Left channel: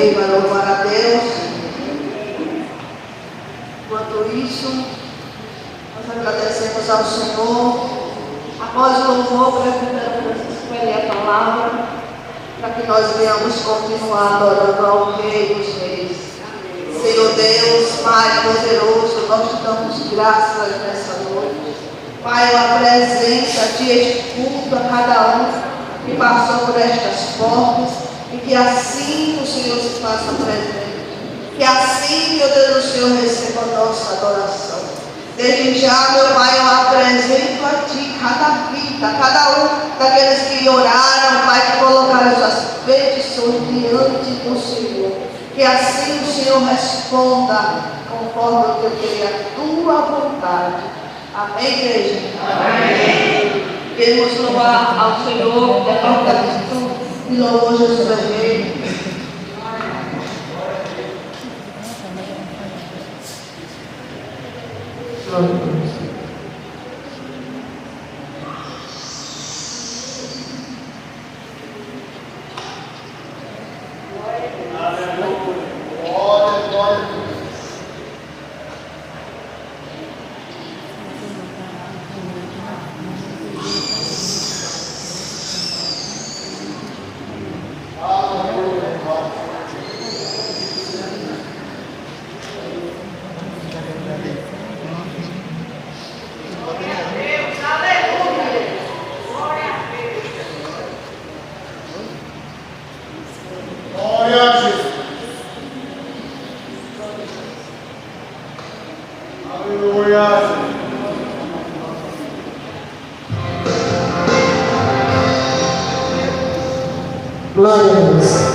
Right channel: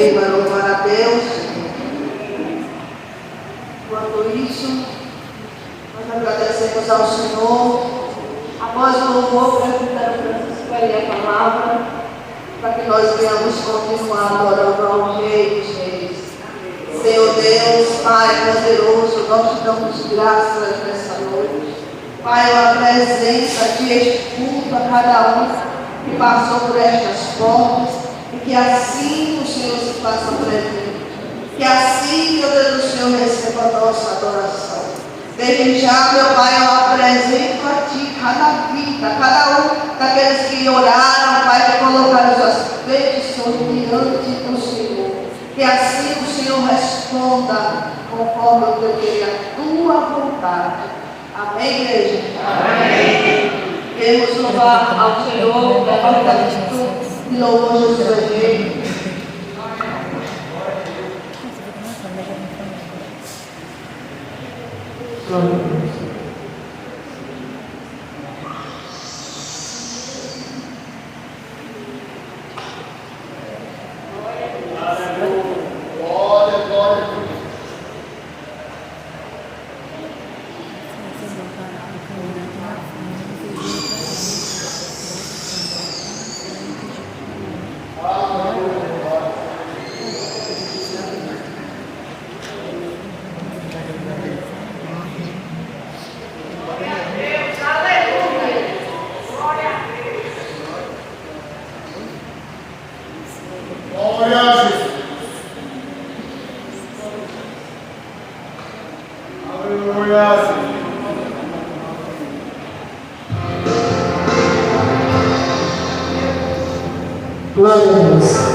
Amém. Vai louvar a Deus. Enquanto isso, nós agradecemos ao Senhor. Após o louvor, para escolher a palavra, para que nós venhamos continuar adorando ao Rei dos Reis. Senhor Deus, Pai poderoso, nós te damos graças nessa noite. Pai, eu apresento a Ti este culto a cada um que passou por estas portas, e que assim o Senhor se faça presente. Que assim, meu Deus, o Senhor receba a nossa adoração. Desde já, meu Pai, eu apresento a Ti cada vida, cada um daqueles que oraram, Pai, que colocaram suas petições diante do Senhor. Que assim o Senhor responda conforme o teu querer, a tua vontade. Amém, igreja? Amém. Queremos louvar ao Senhor, departamento de louvor Jesus é Rei. Glória a Deus.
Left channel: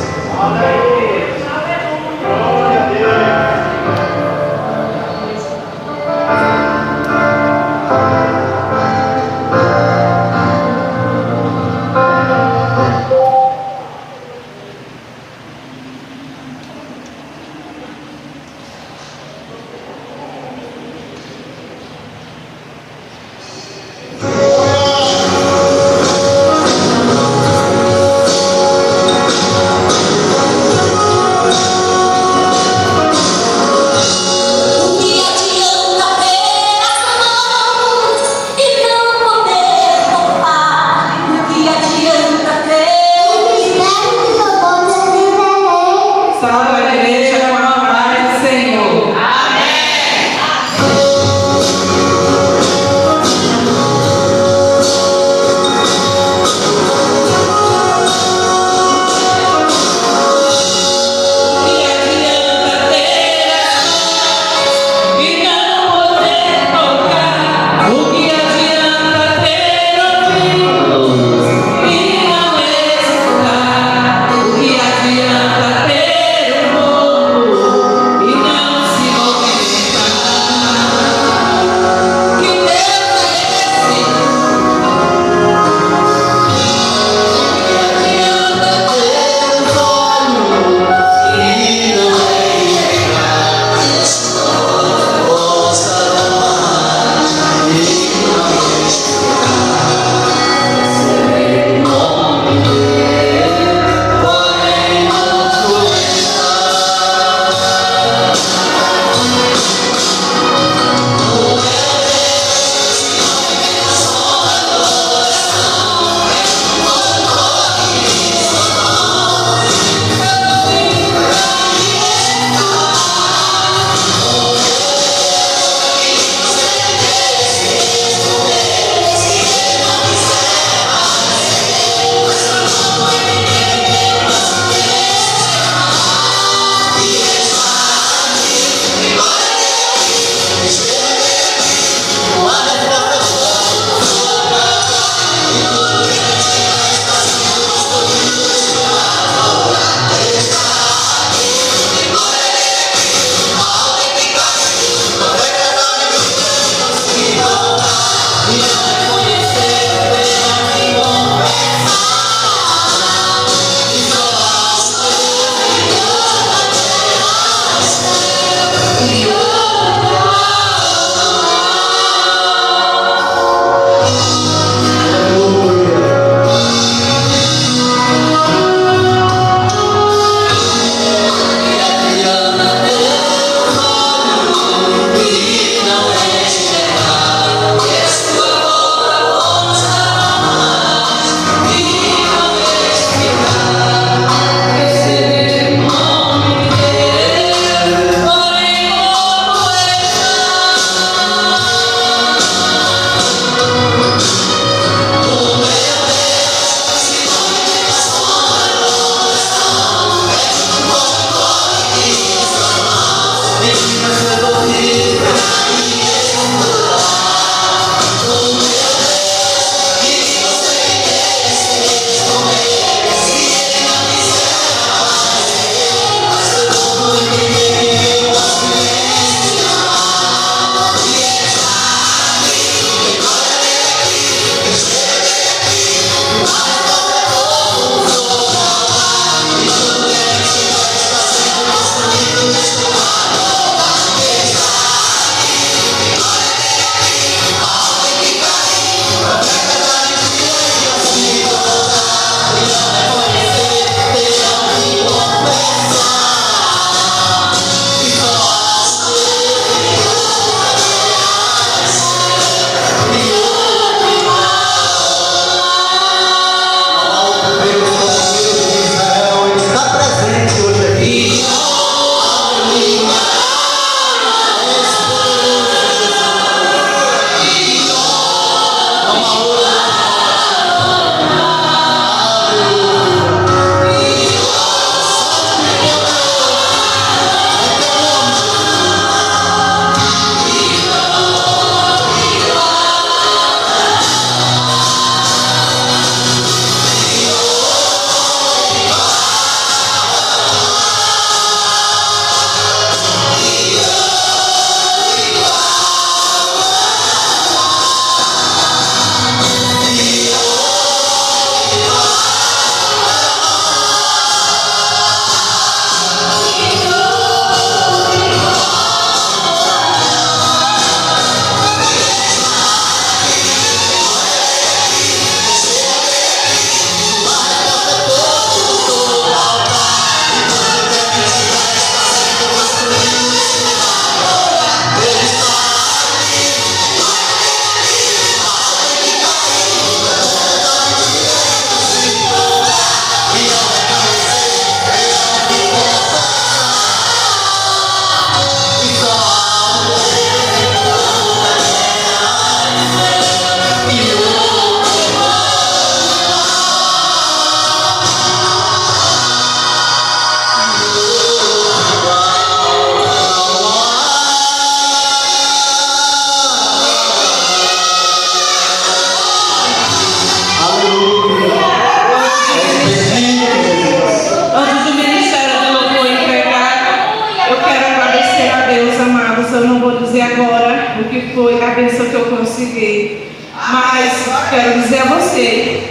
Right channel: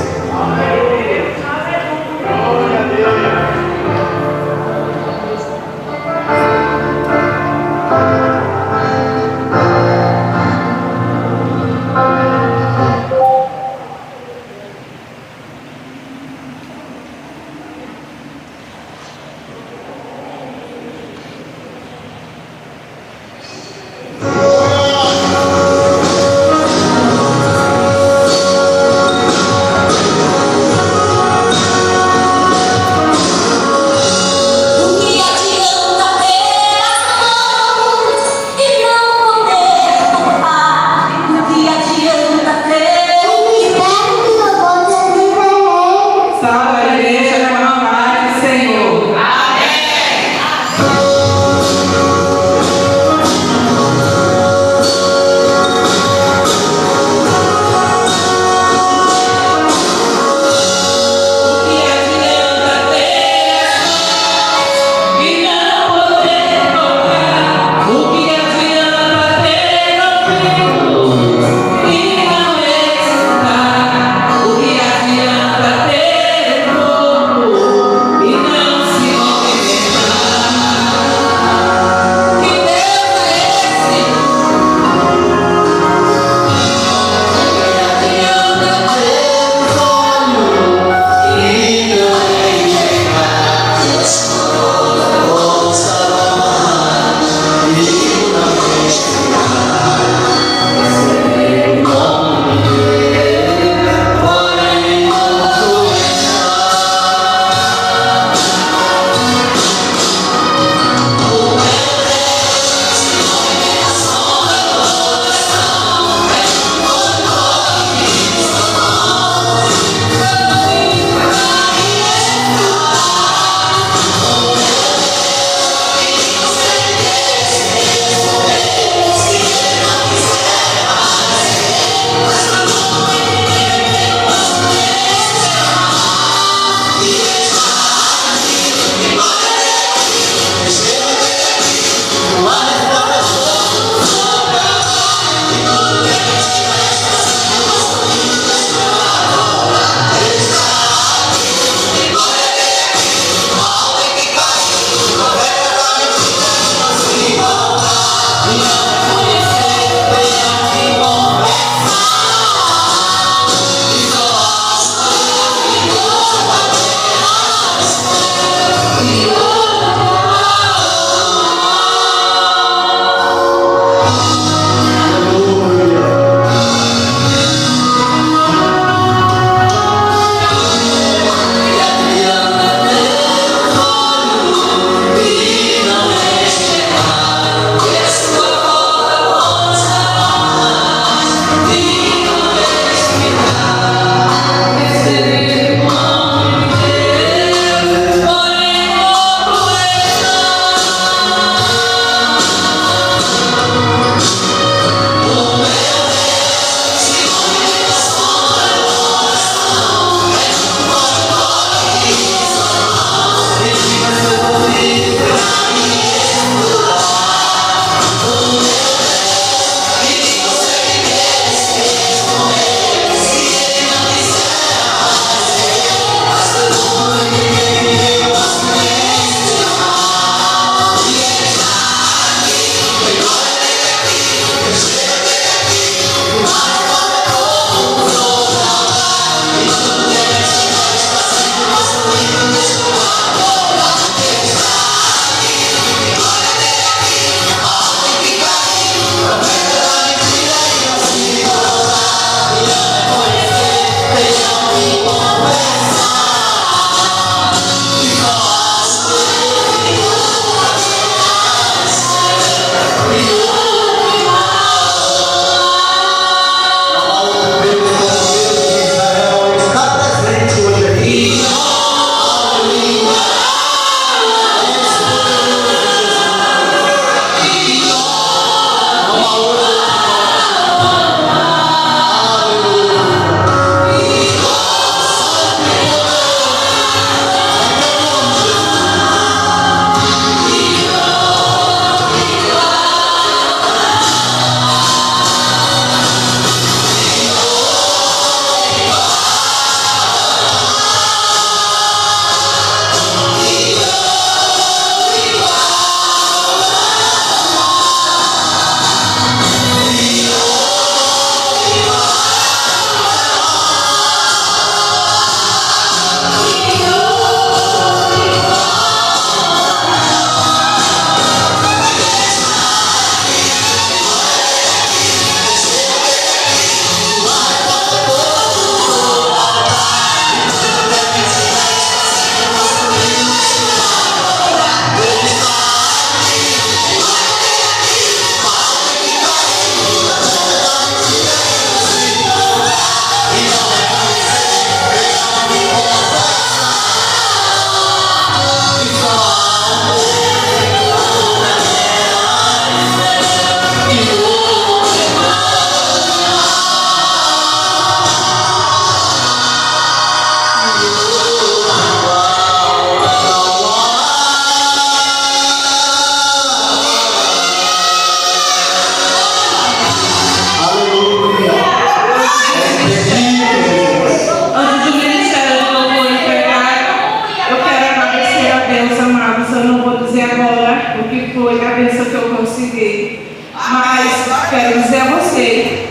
foi a bênção que eu consegui. Mas quero dizer a você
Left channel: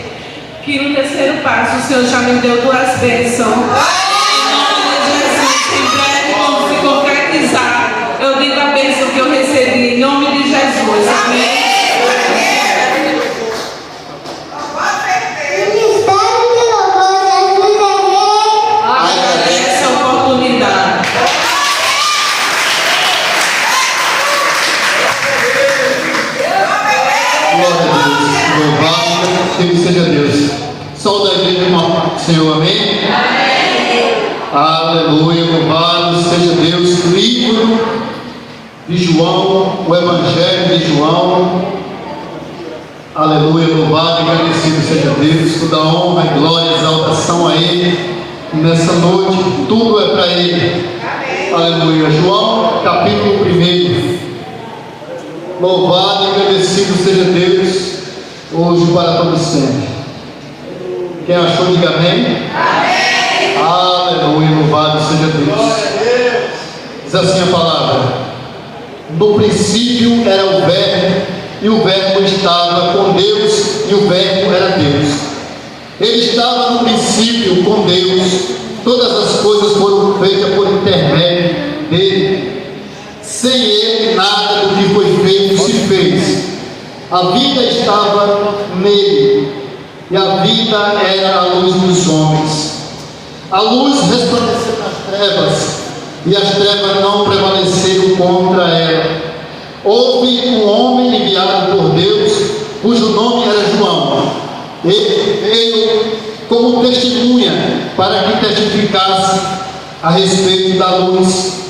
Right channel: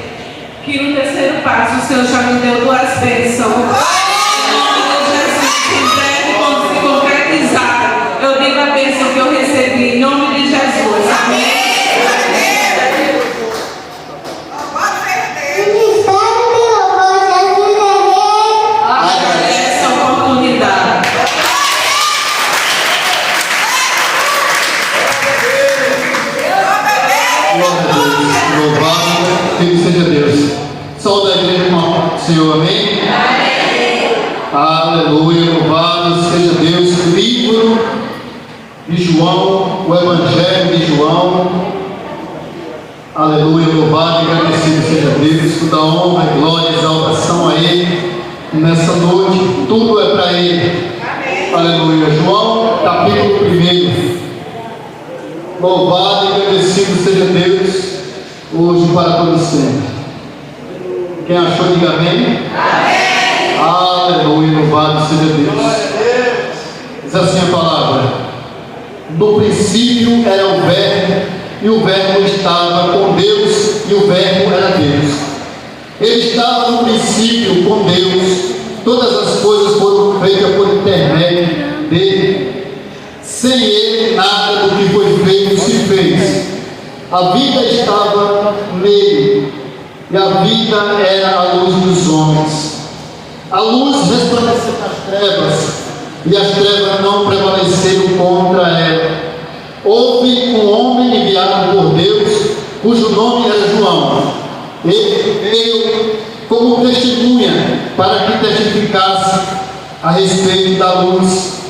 que no terceiro passo o Senhor já me deu 2 bênçãos. Em breve, quando se concretizar, eu digo a bênção que eu recebi em nome de Jesus. Amém. Agradeço a oportunidade. Glória a Deus. Louvado seja Deus. Sol da igreja com a paz do Senhor, amém? Aleluia, louvado seja Deus. Livro de João, o Evangelho de João. Aleluia, louvado e agradecido seja Deus. Toda honra, glória e exaltação a Ele. E nessa noite, tudo é para Ele. Aleluia. João, capítulo 1. Louvado e agradecido seja Deus, hoje e para todo sempre. Quem achou, diga amém. Amém. Aleluia, louvado seja Deus. Diz assim a palavra: no princípio era o Verbo, e o Verbo estava com Deus, e o Verbo era Deus. Ele estava no princípio com Deus. Todas as coisas foram feitas por intermédio dele. Sem ele, nada do que foi feito se fez. A vida estava nele, e a vida era a luz dos homens. A luz resplandeceu nas trevas, e as trevas não prevaleceram contra ela. Houve um homem enviado por Deus, cujo nome era João. Ele veio como testemunha, para que testificasse a respeito da luz,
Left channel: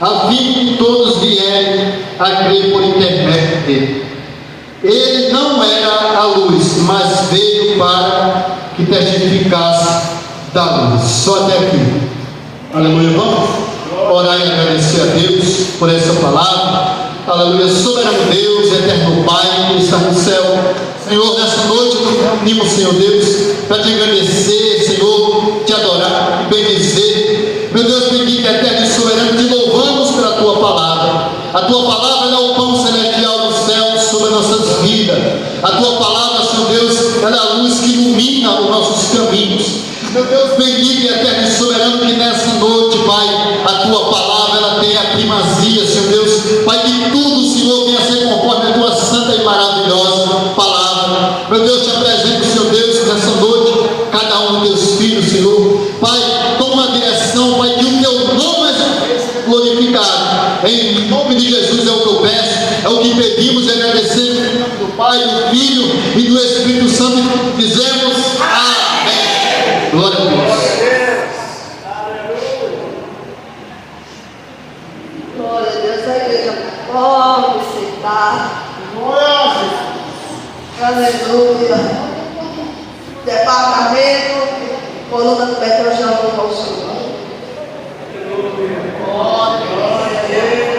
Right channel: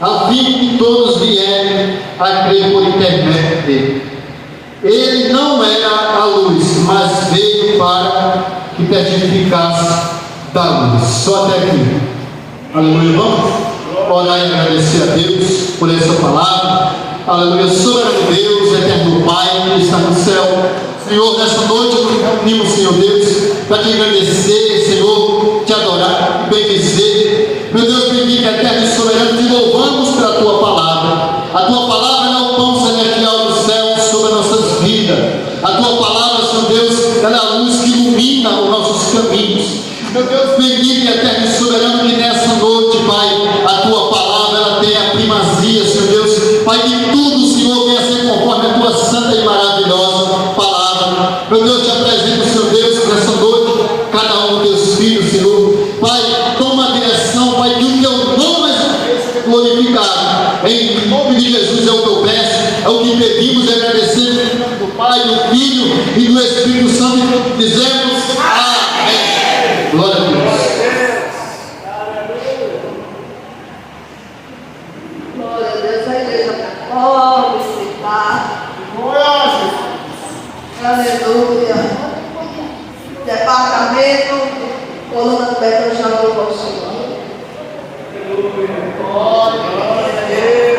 a fim que todos vierem a crer por intermédio dele. Ele não era a luz, mas veio para que testificasse da luz. Só até aqui. Aleluia, vamos orar e agradecer a Deus por essa palavra. Aleluia, soberano Deus, eterno Pai que está no céu. Senhor, nessa noite nos reunimos, Senhor Deus, para te agradecer, Senhor, te adorar e bendizer. Meu Deus bendito, eterno e soberano, te louvamos pela tua palavra. A tua palavra é o pão celestial do céu sobre as nossas vidas. A tua palavra, Senhor Deus, ela é a luz que ilumina os nossos caminhos. Meu Deus bendito e eterno e soberano, que nessa noite, Pai, a tua palavra ela tem a primazia, Senhor Deus. Pai, que tudo, Senhor, venha ser conforme a tua santa e maravilhosa palavra. Meu Deus, te apresento, Senhor Deus, nessa noite, cada um dos teus filhos, Senhor. Pai, toma a direção, Pai, que o teu nome seja glorificado. Em nome de Jesus é o que eu peço, é o que pedimos, é agradecer em nome do Pai, do Filho e do Espírito Santo, e todos dizemos amém. Glória a Deus. Glória a Deus, a igreja pode sentar. Aleluia. Departamento, coluna do Betel já louvou ao Senhor. Glória a Deus.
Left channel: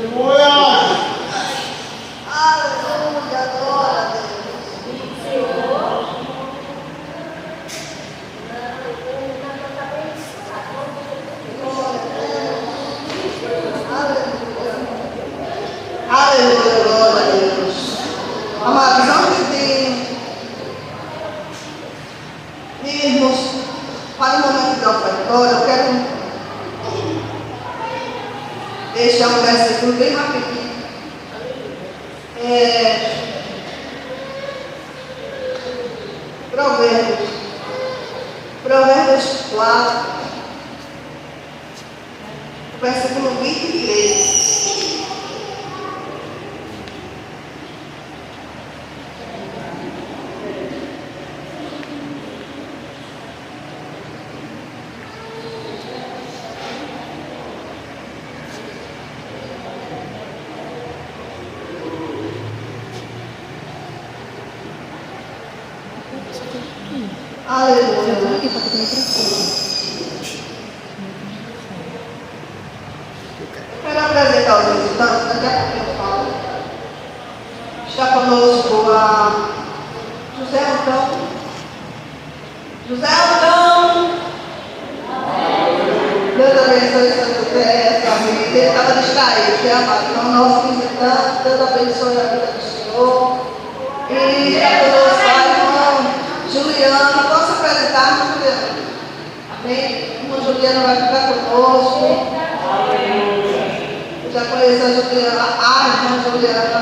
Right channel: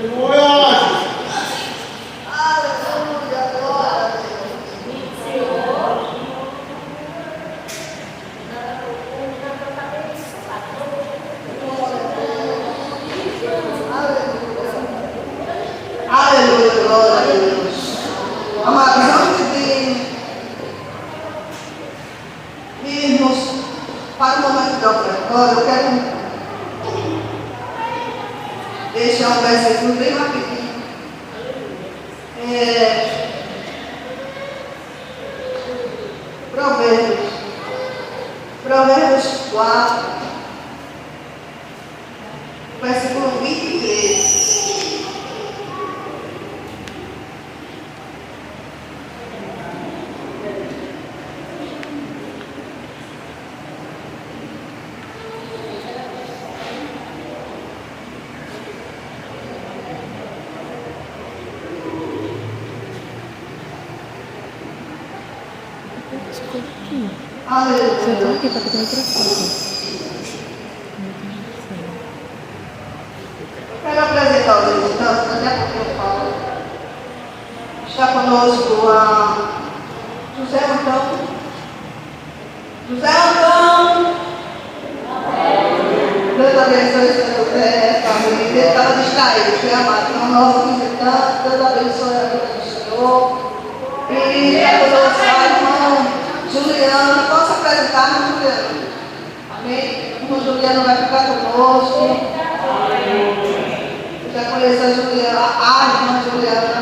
Aleluia, glória a Deus. Aleluia, glória a Deus. Amados, antes de irmos para o momento da ofertória, eu quero deixar um versículo bem rapidinho. Provérbios 4, versículo 23. Aleluia. Quero apresentar os resultados, daqui a pouco eu falo. Está conosco a José Antão. José Antão. Deus abençoe São José, família. Ele estava distraído, né, amado? Então, nosso visitante, Deus abençoe a vida do Senhor. E está conosco a irmão Juliana. Posso apresentar, Juliana? Amém? O Juliano vai ficar conosco. Eu já conheço a Juliana, a irmã Juliana,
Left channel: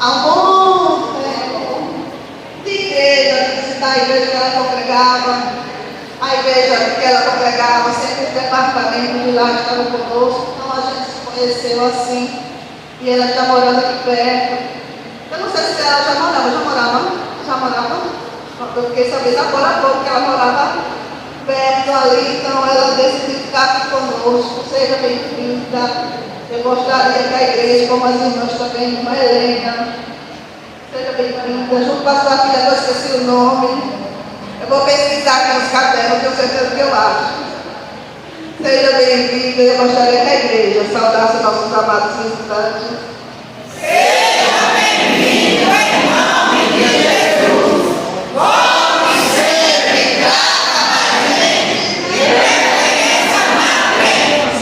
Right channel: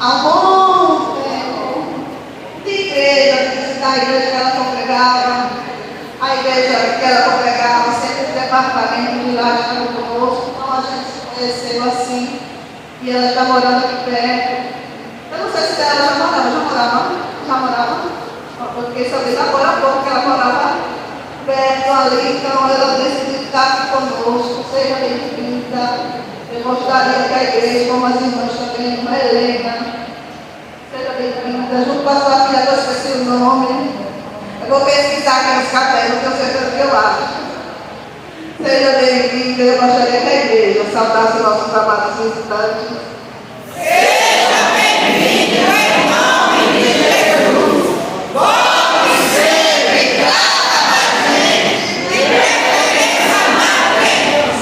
há um bom tempo de igreja, de visitar a igreja que ela congregava, a igreja que ela congregava, sempre o departamento de lá estava conosco, então a gente se conheceu assim, e ela está morando aqui perto. Eu não sei se ela já morava? Eu fiquei sabendo agora há pouco que ela morava perto ali, então ela decidiu ficar aqui conosco. Seja bem-vinda. Eu gostaria que a igreja, como as irmãs também, irmã Helena, seja bem-vinda. Junto com a sua filha, eu esqueci o nome. Eu vou pesquisar aqui nos cadernos, tenho certeza que eu acho. Seja bem-vinda. Eu gostaria que a igreja saudasse o nosso trabalho visitantes. Seja bem-vindo, em nome de Jesus. Volte sempre, gratamente, de preferência na frente.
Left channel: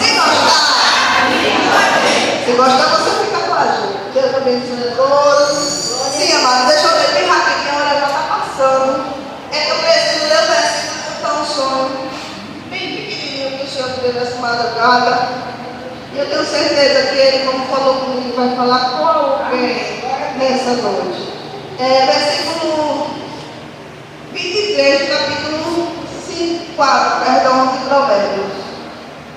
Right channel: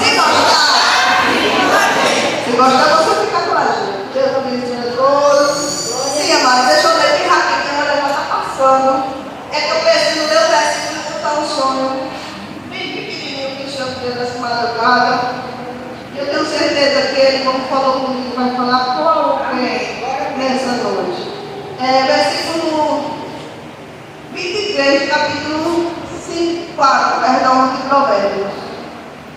Se gostar, você fica com a gente. Deus abençoe a todos. Sim, amado, deixa eu ver bem rapidinho, a hora já está passando. É que eu preciso ler o versículo que está um sonho bem pequenininho que o Senhor me deu nessa madrugada. E eu tenho certeza que ele, como falou comigo, vai falar com alguém nessa noite. Versículo 23, capítulo 4, de Provérbios.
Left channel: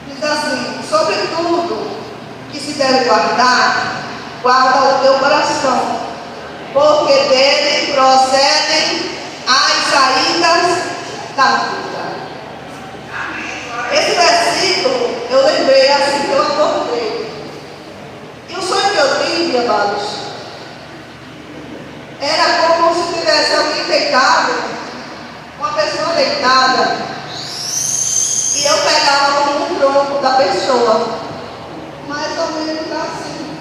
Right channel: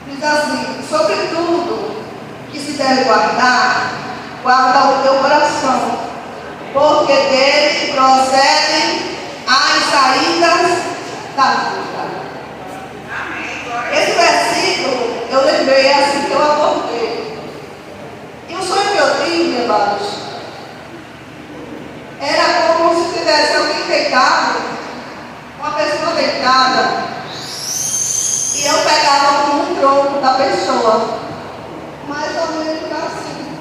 Diz assim: sobretudo que se deve guardar, guarda o teu coração, porque dele procedem as saídas da vida. Esse versículo eu lembrei assim que eu acordei. E o sonho que eu tive, amados, era como se tivesse alguém deitado, uma pessoa deitada, e eu pegava um tronco da pessoa, mais ou menos assim,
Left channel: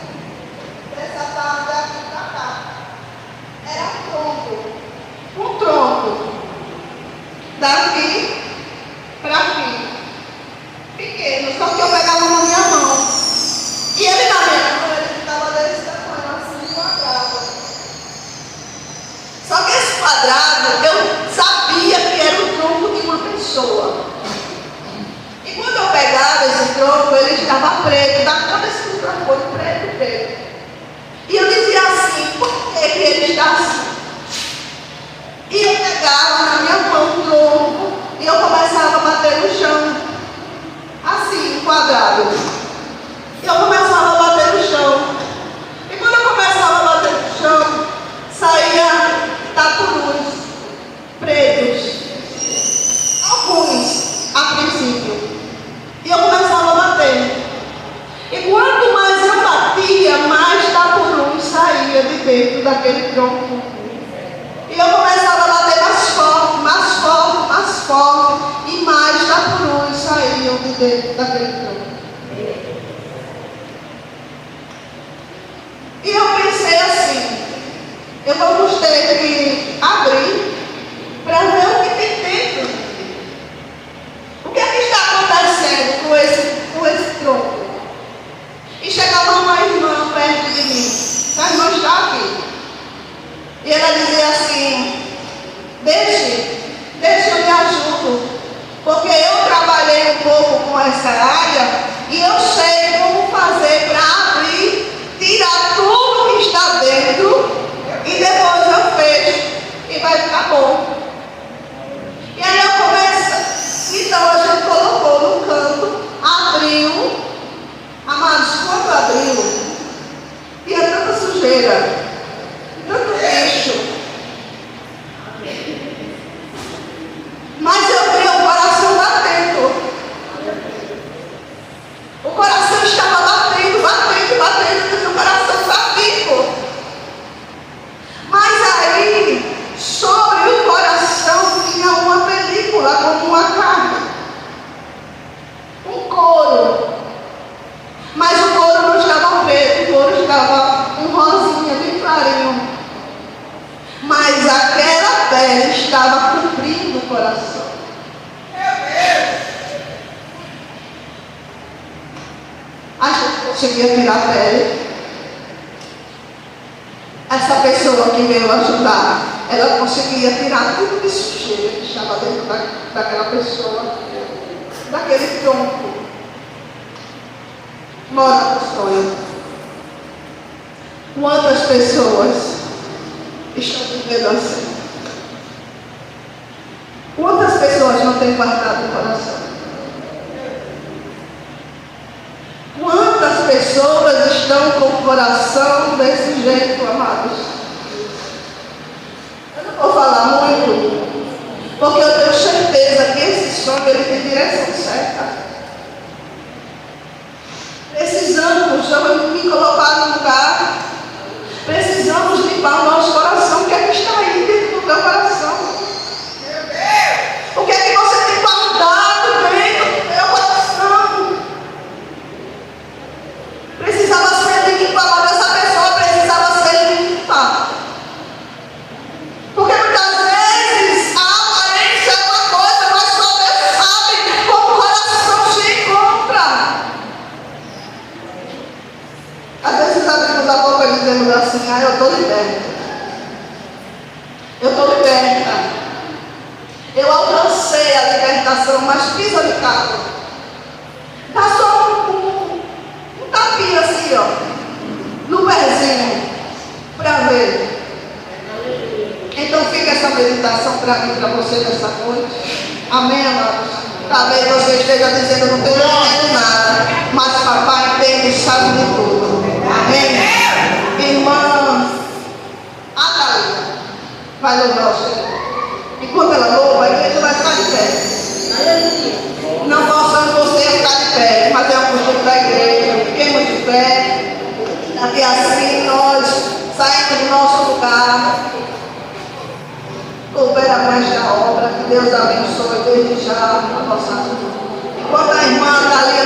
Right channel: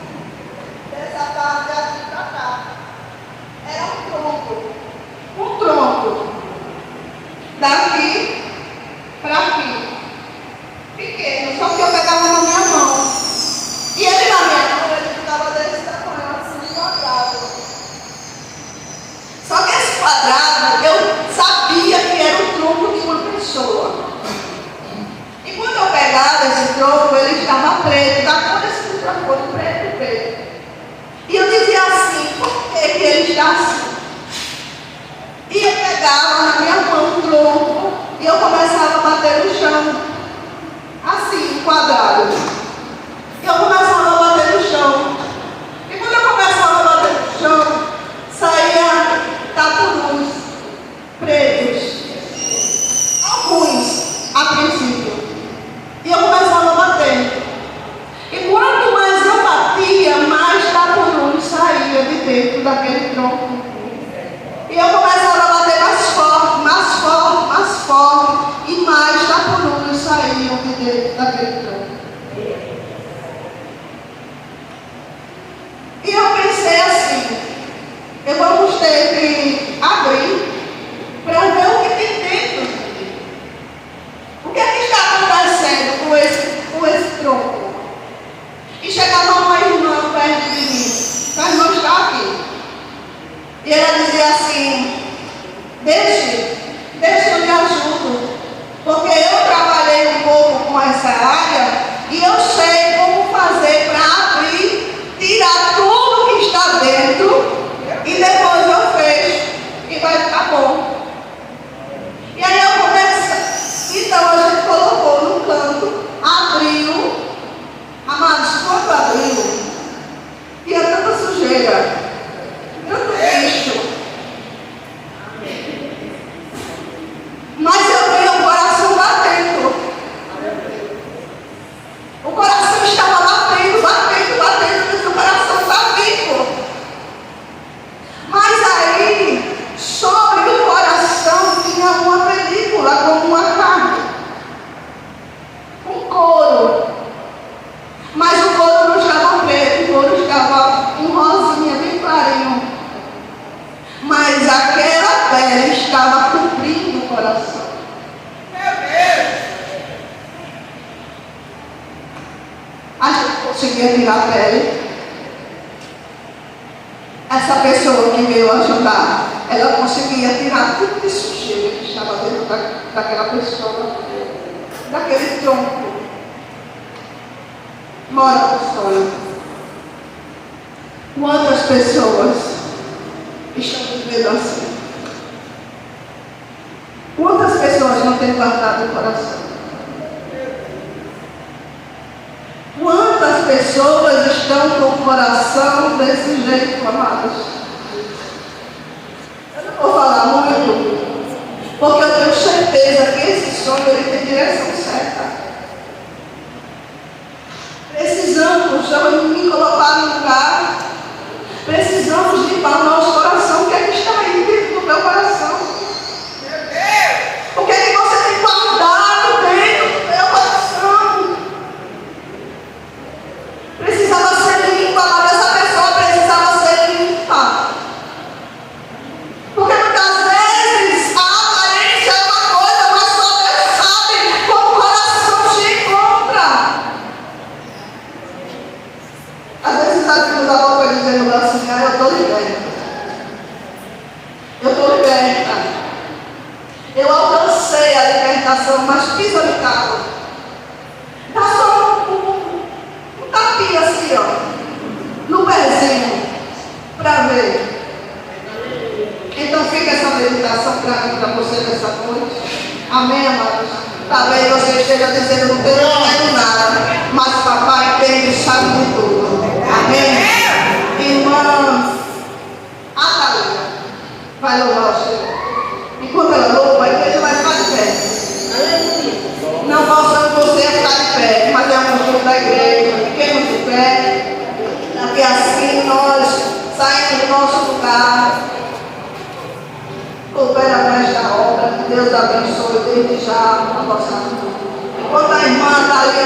dessa parte aqui para cá. Era um tronco, daqui para aqui, pequeno, só que eu pegava na minha mão, e ele na minha mão, ele ficava desse tamanho, assim, quadrado. Só que esse quadrado, eu sabia que era o tronco de uma pessoa. E quando eu pegava esse tronco, ele estava preto, da cor desse tronco, preto. E eu dizia assim: por que ele está assim? E eu pegava na minha mão o tronco e eu começava a bater no chão, assim, quadrado. E eu começava a bater no chão. E quando eu começava a bater no chão, saía tapurus pretos, alguns a princípio. E eu começava a bater. E quanto mais eu batia, mais tapurus saía de dentro daquele tronco. E eu começava a bater mais forte, e mais tapurus saíam de dentro daquele tronco. conseguia tirar a pele. Essa pessoa que veio ajudar, ela conseguia tirar tudo de sujeira que estava dentro daquela pessoa, daquele tronco. Mora no sonho. Quantas pessoas estão vivendo assim? Quantas pessoas não têm guardado o coração? Quantas pessoas estão com o coração desse jeito, amados? Eu não vou falar muito, porque eu tenho certeza que esse sonho ele tem direção certa. Precisamos me colocar no lugar. Precisamos limpar o nosso coração. O que é que está aí dentro do teu coração? O que é que você tem guardado dentro do teu coração? Precisava ser limpado. Essa pessoa precisava ser limpa. Porque muitas vezes a aparência é uma coisa, mas só Deus sabe como o coração se encontra. Às vezes está dentro da boca dizendo assim: eu estou liberta. Eu estou liberta. Eu alcancei a libertação, mas pisa de carro. Dá só um tapinha assim, ó, no pezinho, para ver. Então fica essa meditação para mim, para você nessa noite. Amém, amados? Talvez você esteja dizendo: não tenho nada, mas papai tem e sabe de tudo. Amém? Irmãs, a Thalita vai louvar o Senhor. Enquanto ela louva, a igreja vai ficar de pé. Não posso você ficar de pé, mas é um costume da igreja. Fiquemos de pé. Daqui assim nós saímos do nosso lugar. Coopera mais da obra. Que Deus abençoe desde já a nossa vida. Enquanto a irmã Thalita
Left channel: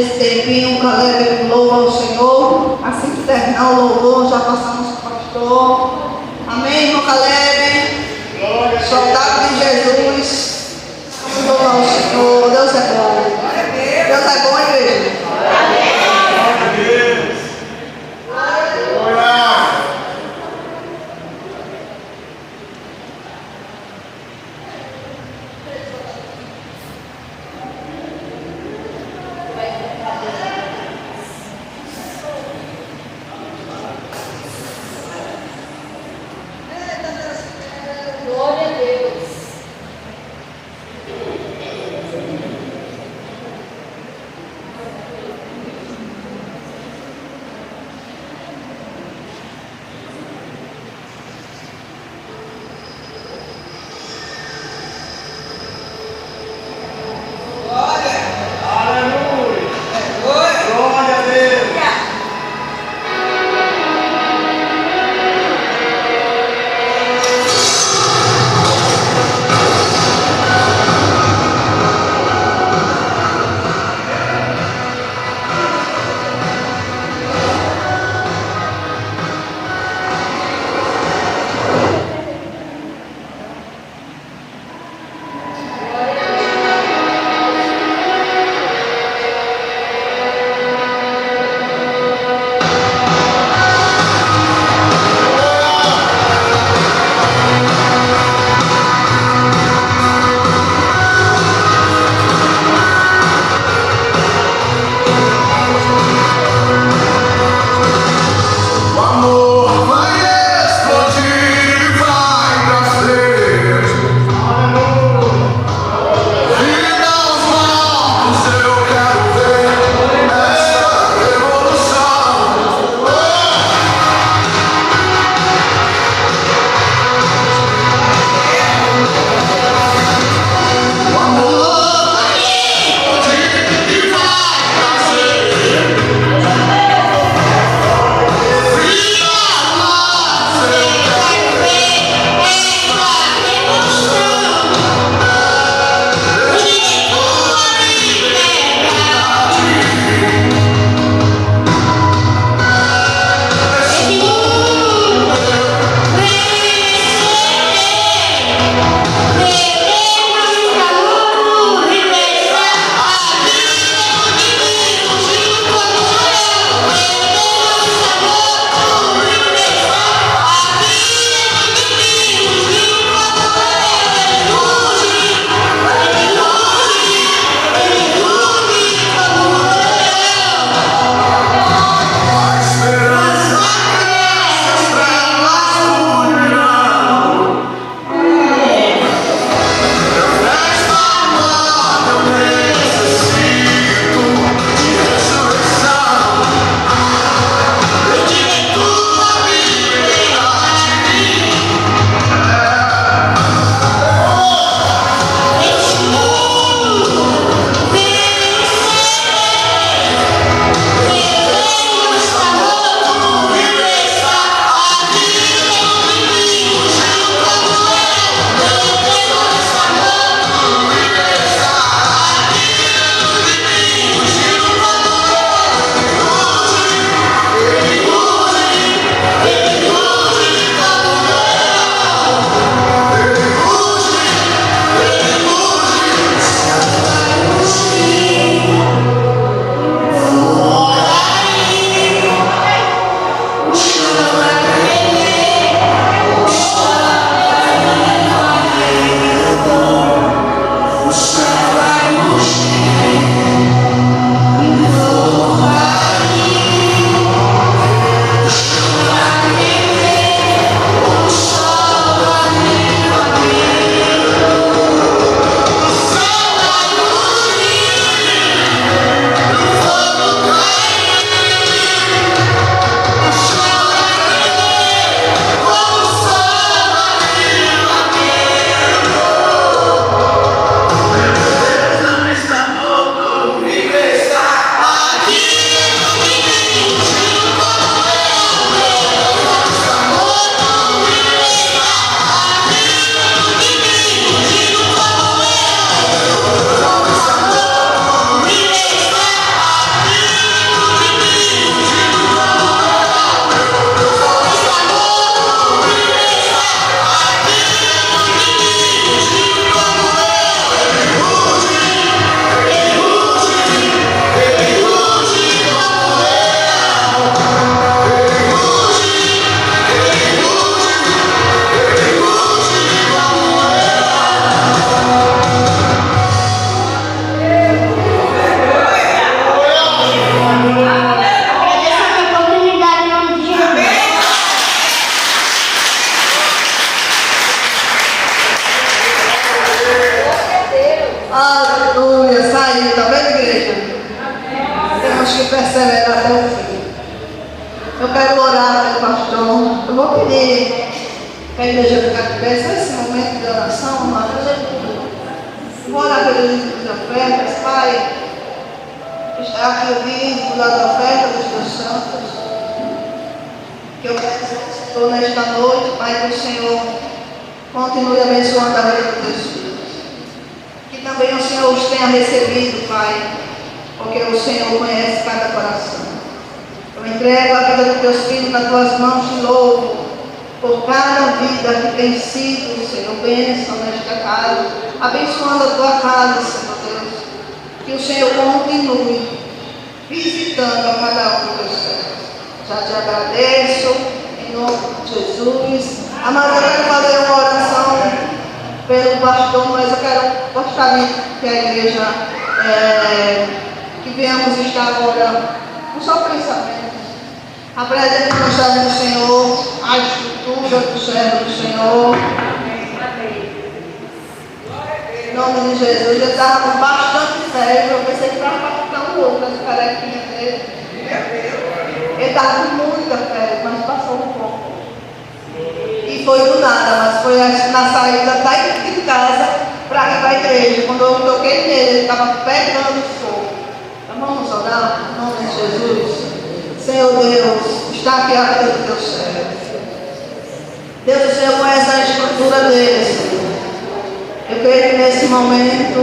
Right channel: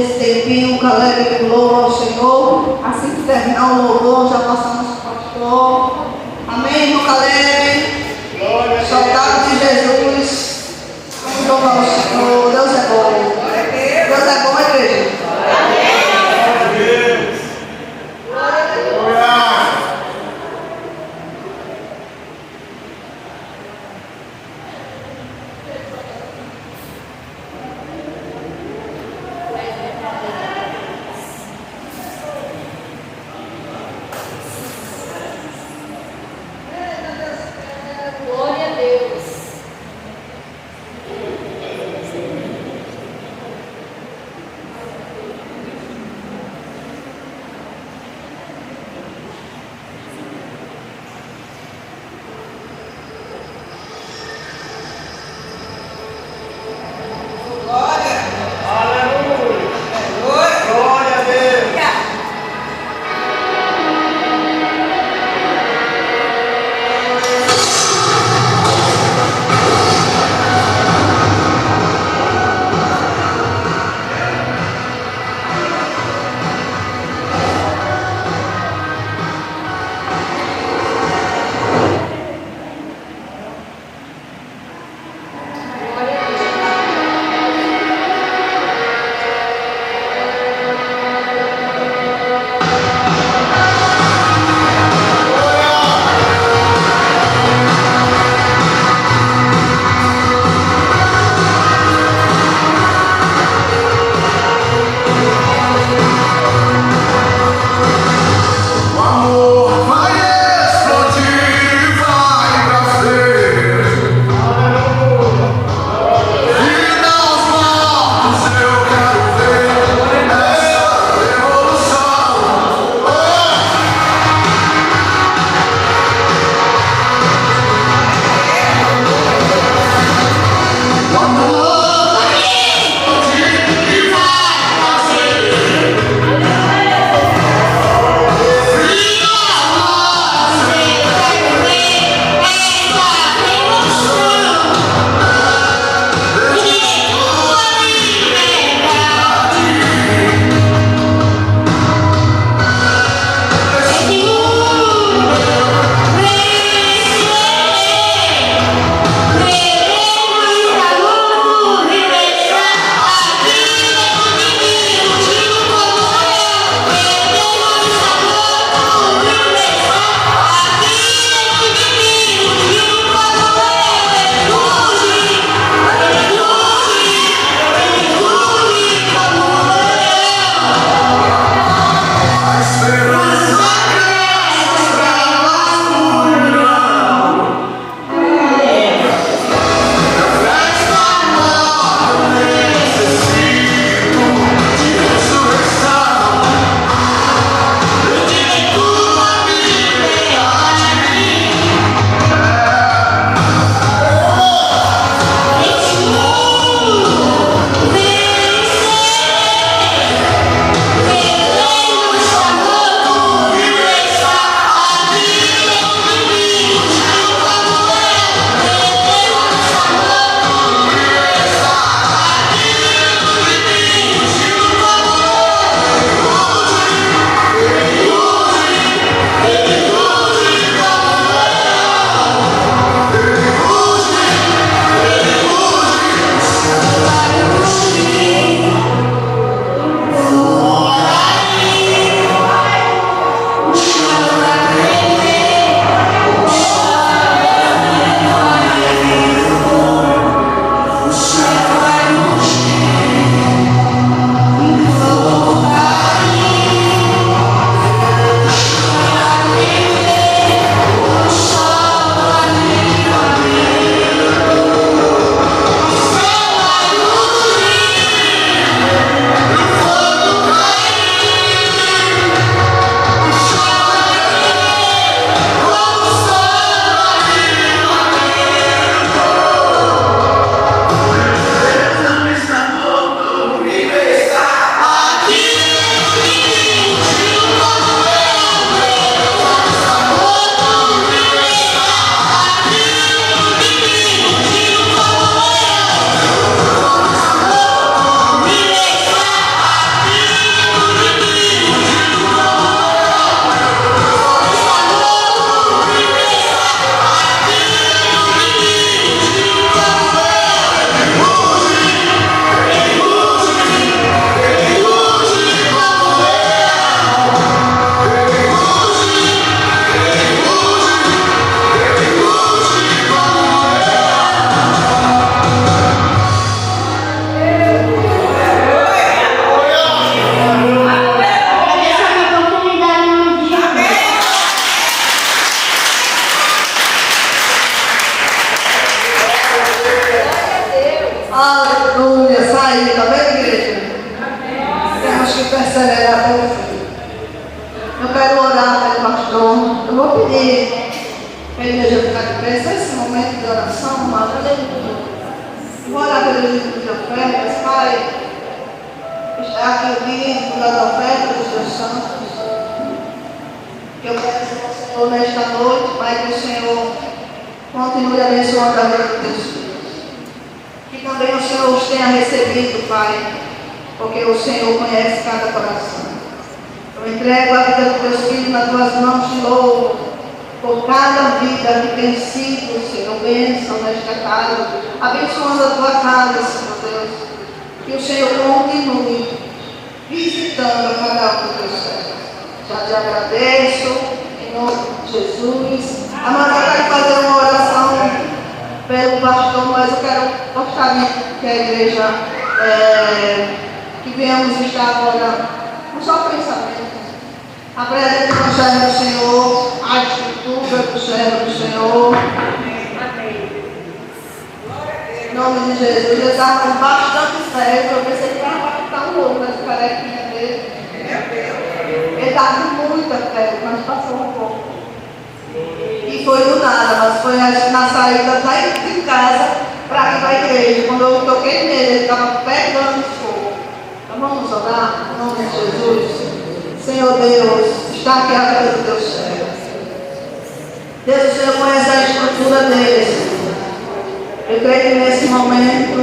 esse tempinho, Caleb, com louvor ao Senhor. Assim que terminar o louvor, já passamos para o pastor. Amém, irmão Caleb? Glória a Soldado de Jesus. Vamos louvar o Senhor. Deus é bom. Deus é bom, igreja. Glória a Deus. vou pedir para a igreja ficar de pé, nesse momento de oração, amado. Vou orar pelo livro de ofertas, Pai. Está aqui o livro das ofertas dos teus santos. Que eu peço ao Senhor nesta noite, Pai, que o Senhor continue abençoando a vida dos teus filhos. Que também o Senhor os tenha recebido, Pai, porque o Senhor conhece cada coração. Eu entrego a vida dos teus filhos nas tuas mãos de novo, por cada vida que tem sido, Senhor, bênção nesta casa, abençoando a tua casa, Senhor Deus. Que o Senhor continue visitando a cada um dos teus servos. Já te agradeço, em nome de Jesus. Amado, eu quero fazer uma oração pelo pastor, mas eu gostaria que a igreja, que venhamos estar agora com só pensamento. Apresente o servo do Senhor, a estrutura do servo do Senhor. Em nome de Jesus, ele estava com bastante fé. Eu pensei que estava ficar um outro, as carequinhas dele. Ele estava com muita fé, mas passou um pouco. E foi do nada, mas foi na saída daqui de casa para ir para a igreja. Quando eu toquei nele, ele estava pegando fogo. Então vamos orar, em nome de Jesus. Senhor Deus, está aqui a vida do teu servo. Deus, o Senhor conhece a estrutura dele, Senhor. Eu creio que nesse momento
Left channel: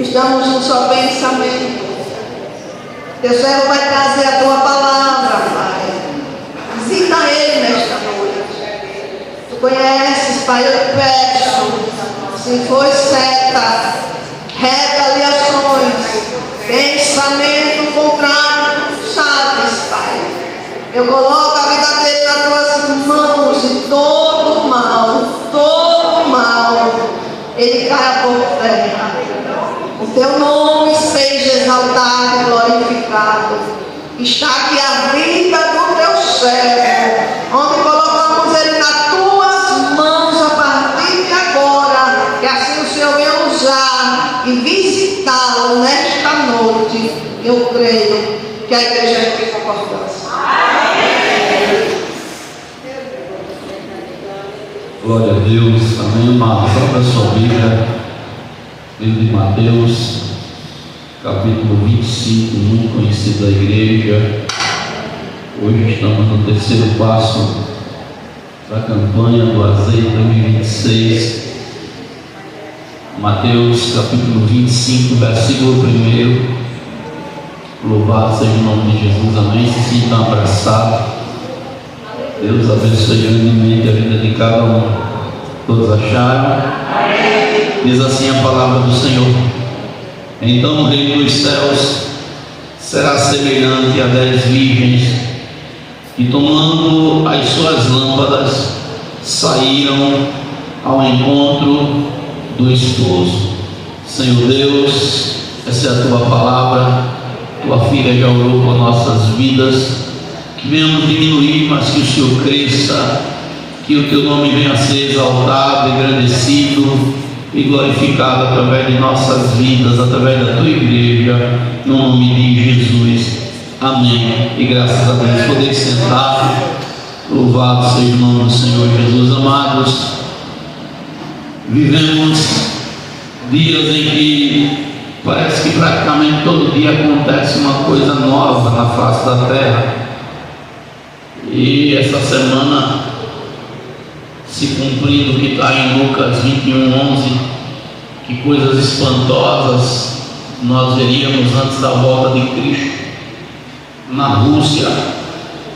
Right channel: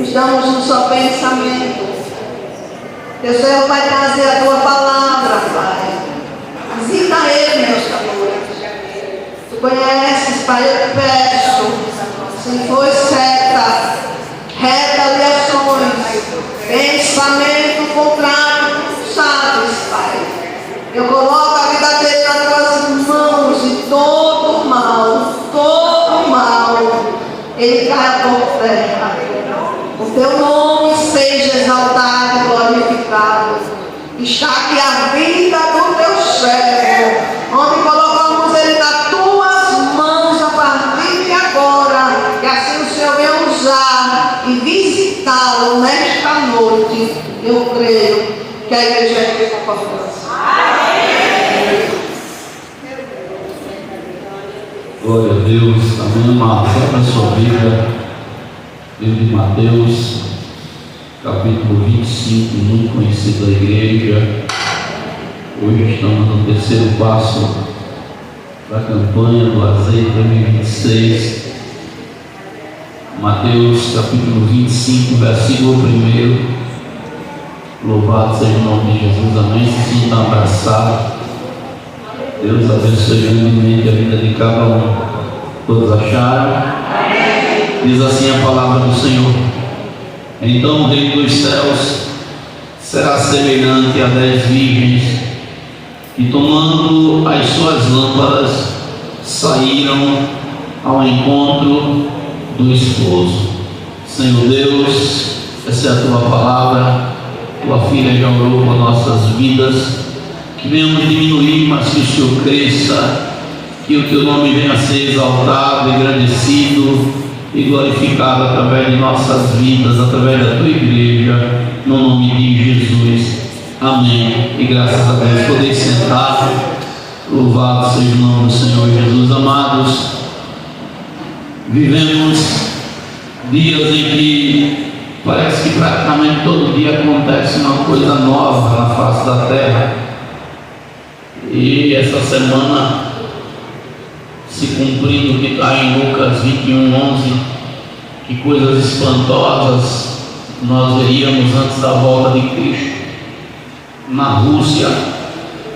estamos num só pensamento. Teu servo vai trazer a tua palavra, Pai. Visita ele nesta noite. Tu conheces, Pai, eu peço, se for seta, retaliações, pensamento contrário, tu sabes, Pai. Eu coloco a vida dele nas tuas mãos e todo mal, ele cai por terra. O teu nome seja exaltado e glorificado. Está aqui a vida do teu servo, onde colocamos ele nas tuas mãos a partir de agora. Que assim o Senhor venha usar e visitá-lo nesta noite. Eu creio que a igreja tem concordância. Glória a Deus. Amém. Uma própria sua Bíblia, livro de Mateus, capítulo 25, muito conhecido da igreja. Hoje estamos no terceiro passo da campanha do Azeite 2026. Mateus, capítulo 25, versículo 1. Louvado seja o nome de Jesus. Amém. Se sintam abraçados. Deus abençoe grandemente a vida de cada um. Todos acharam? Amém. Diz assim a palavra do Senhor: então o reino dos céus será semelhante a 10 virgens que, tomando as suas lâmpadas, saíram ao encontro do esposo. Senhor Deus, essa é a tua palavra. Tua filha já orou por nossas vidas. Que venhamos diminuir, mas que o Senhor cresça, que o teu nome venha a ser exaltado, engrandecido e glorificado através de nossas vidas, através da tua igreja, no nome de Jesus. Amém. E graças a Deus, poder sentar. Louvado seja o nome do Senhor Jesus. Amados, vivemos dias em que parece que praticamente todo dia acontece uma coisa nova na face da terra. E essa semana, se cumprindo o que está em Lucas 21:11, que coisas espantosas nós veríamos antes da volta de Cristo. Na Rússia,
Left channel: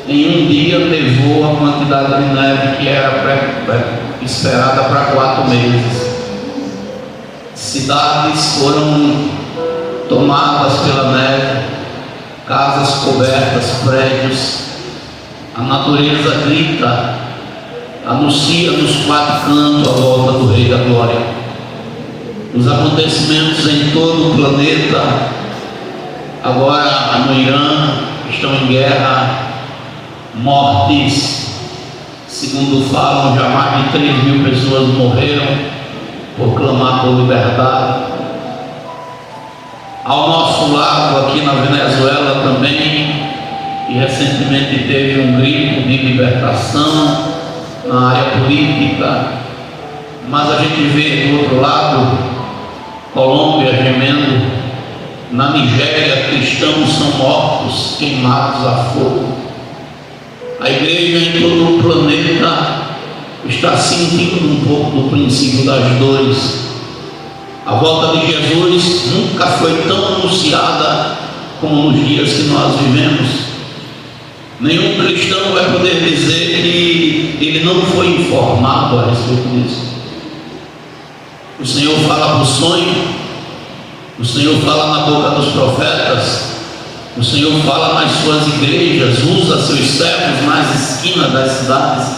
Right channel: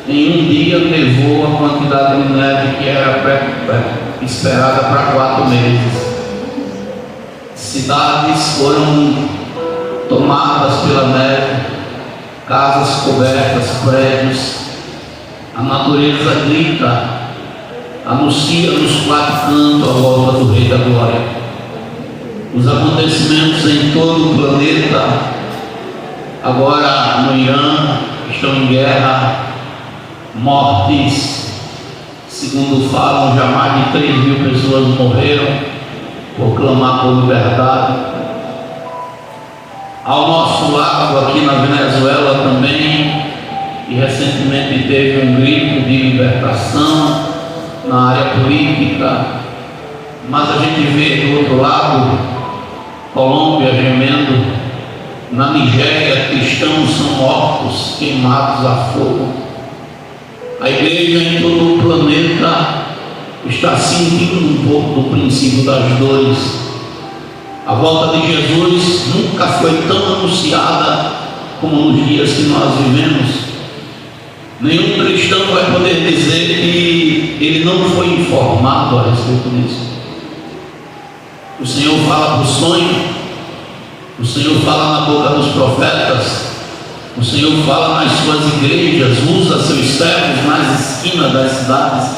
em um dia levou a quantidade de neve que era esperada para 4 meses. Cidades foram tomadas pela neve, casas cobertas, prédios. A natureza grita, anuncia nos 4 cantos a volta do Rei da Glória. Os acontecimentos em todo o planeta, agora no Irã, estão em guerra, mortes, segundo falam, já mais de 3.000 pessoas morreram por clamar por liberdade. Ao nosso lado, aqui na Venezuela também, e recentemente teve um grito de libertação, na área política, mas a gente vê do outro lado Colômbia gemendo, na Nigéria cristãos são mortos, queimados a fogo. A igreja em todo o planeta está sentindo um pouco do princípio das dores. A volta de Jesus nunca foi tão anunciada como nos dias que nós vivemos. Nenhum cristão vai poder dizer que ele não foi informado a respeito disso. O Senhor fala por sonho, o Senhor fala na boca dos profetas, o Senhor fala nas suas igrejas, usa seus servos nas esquinas das cidades.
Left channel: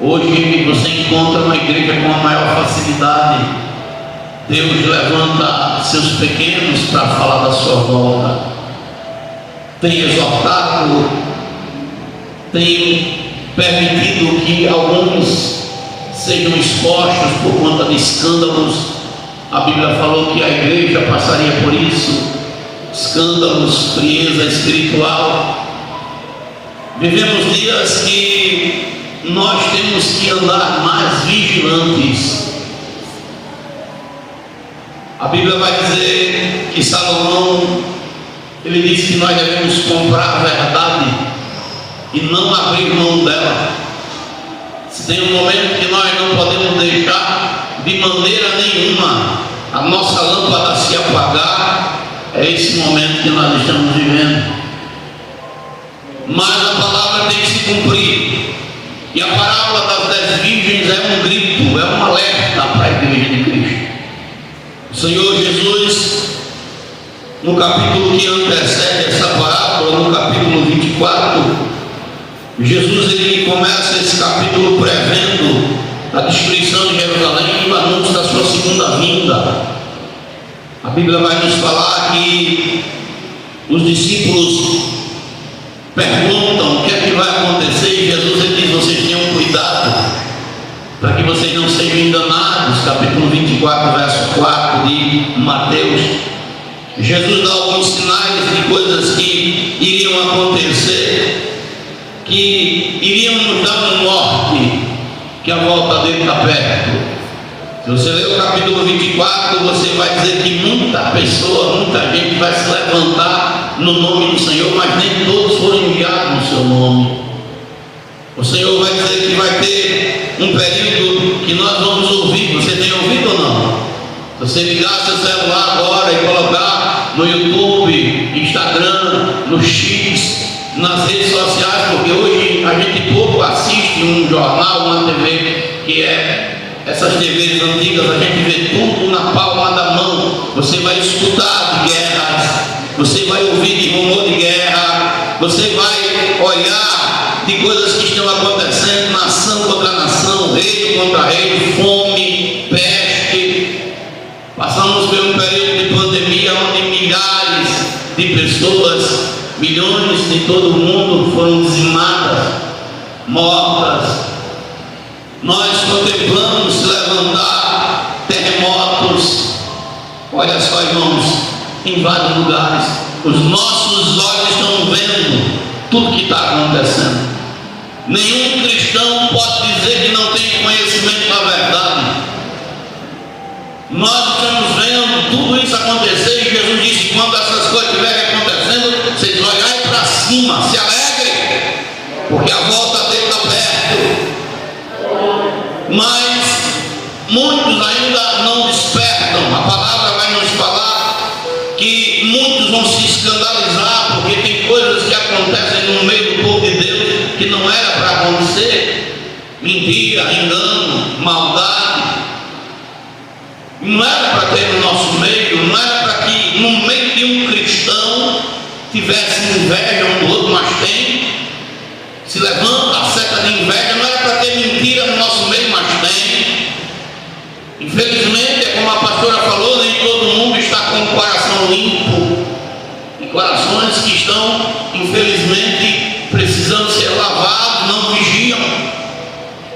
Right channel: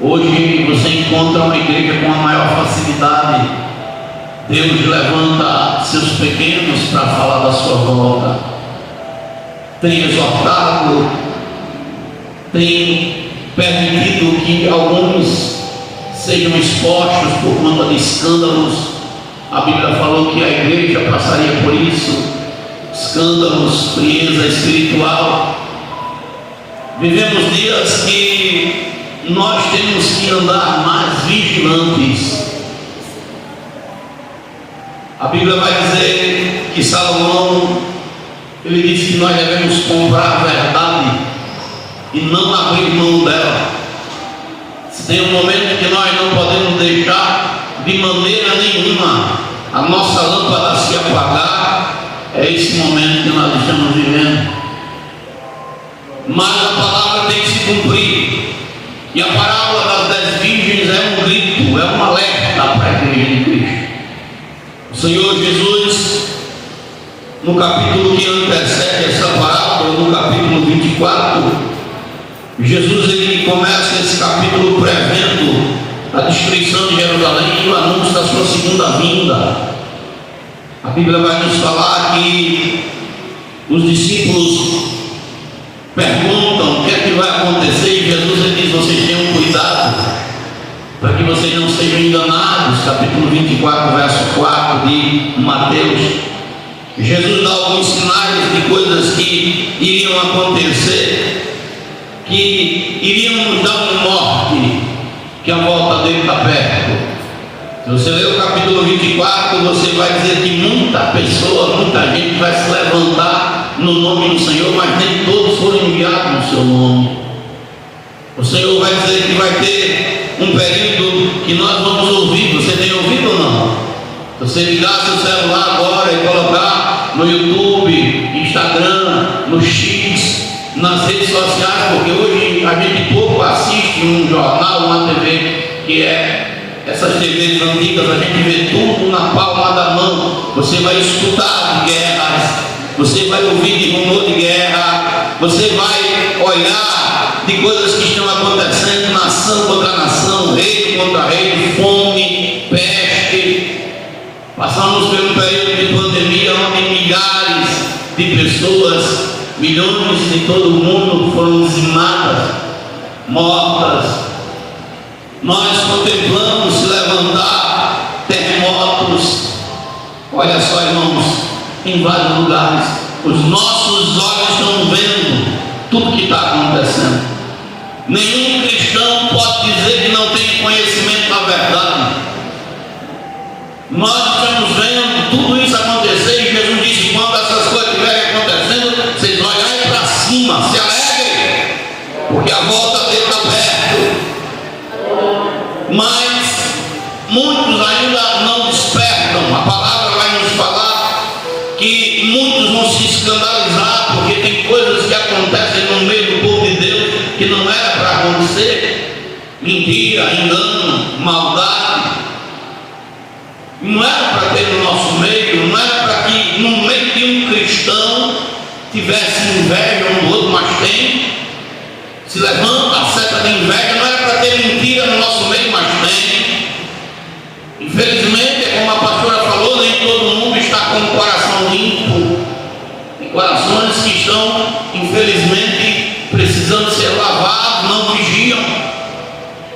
Hoje você encontra uma igreja com a maior facilidade. Deus levanta seus pequenos para falar da sua volta. Tem exortado, tem permitido que alguns sejam expostos por conta de escândalos. A Bíblia falou que a igreja passaria por isso, escândalos, frieza espiritual. Vivemos dias que nós temos que andar mais vigilantes. A Bíblia vai dizer que Salomão, ele disse que nós devemos comprar a verdade e não abrir mão dela. Se tem um momento que nós não podemos deixar de maneira nenhuma a nossa lâmpada se apagar, é esse momento que nós estamos vivendo. Mas a palavra tem que se cumprir, e a parábola das 10 virgens é um grito, é um alerta para a igreja de Cristo. O Senhor Jesus, no capítulo que antecede essa parábola, no capítulo 24, Jesus ele começa esse capítulo prevendo a destruição de Jerusalém e o anúncio da sua segunda vinda. A Bíblia vai nos falar que os discípulos perguntam o que é que vai acontecer, e Jesus ele diz: vocês tenham cuidado para que vocês não sejam enganados. Capítulo 24, verso 4 de Mateus. Jesus dá alguns sinais de coisas que iriam acontecer, que iriam nos dar uma morte, que a volta dele está perto. Se você ler o capítulo 24, você vai dizer que muita gente vai se levantar no nome do Senhor, mas nem todos foram enviados no seu nome. O Senhor vai dizer que vai ter um período que nós vamos ouvir. Você tem ouvido ou não? Você ligar seu celular agora e colocar no YouTube, Instagram, no X, nas redes sociais, porque hoje a gente pouco assiste um jornal, uma TV, que é essas TVs antigas, a gente vê tudo na palma da mão. Você vai escutar de guerras, você vai ouvir de rumor de guerra, você vai olhar de coisas que estão acontecendo, nação contra nação, rei contra rei, fome, peste. Passamos por um período de pandemia onde milhares de pessoas, milhões de todo o mundo foram dizimadas, mortas. Nós contemplamos se levantar terremotos. Olha só, irmãos, em vários lugares os nossos olhos estão vendo tudo que está acontecendo. Nenhum cristão pode dizer que não tem conhecimento da verdade. Nós estamos vendo tudo isso acontecer, e Jesus disse: quando essas coisas estiverem acontecendo, vocês olharem para cima, se alegrem, porque a volta dele está perto. Mas muitos ainda não despertam. A palavra vai nos falar que muitos vão se escandalizar, porque tem coisas que acontecem no meio do povo de Deus que não era para acontecer. Mentira, engano, maldade. Não era para ter no nosso meio, não era para que no meio de um cristão tivesse inveja um do outro, mas tem. Se levanta a seta de inveja, não era para ter mentira no nosso meio, mas tem. Infelizmente, é como a pastora falou, nem todo mundo está com o coração limpo. Tem corações que estão, infelizmente, precisando ser lavados, não vigiam.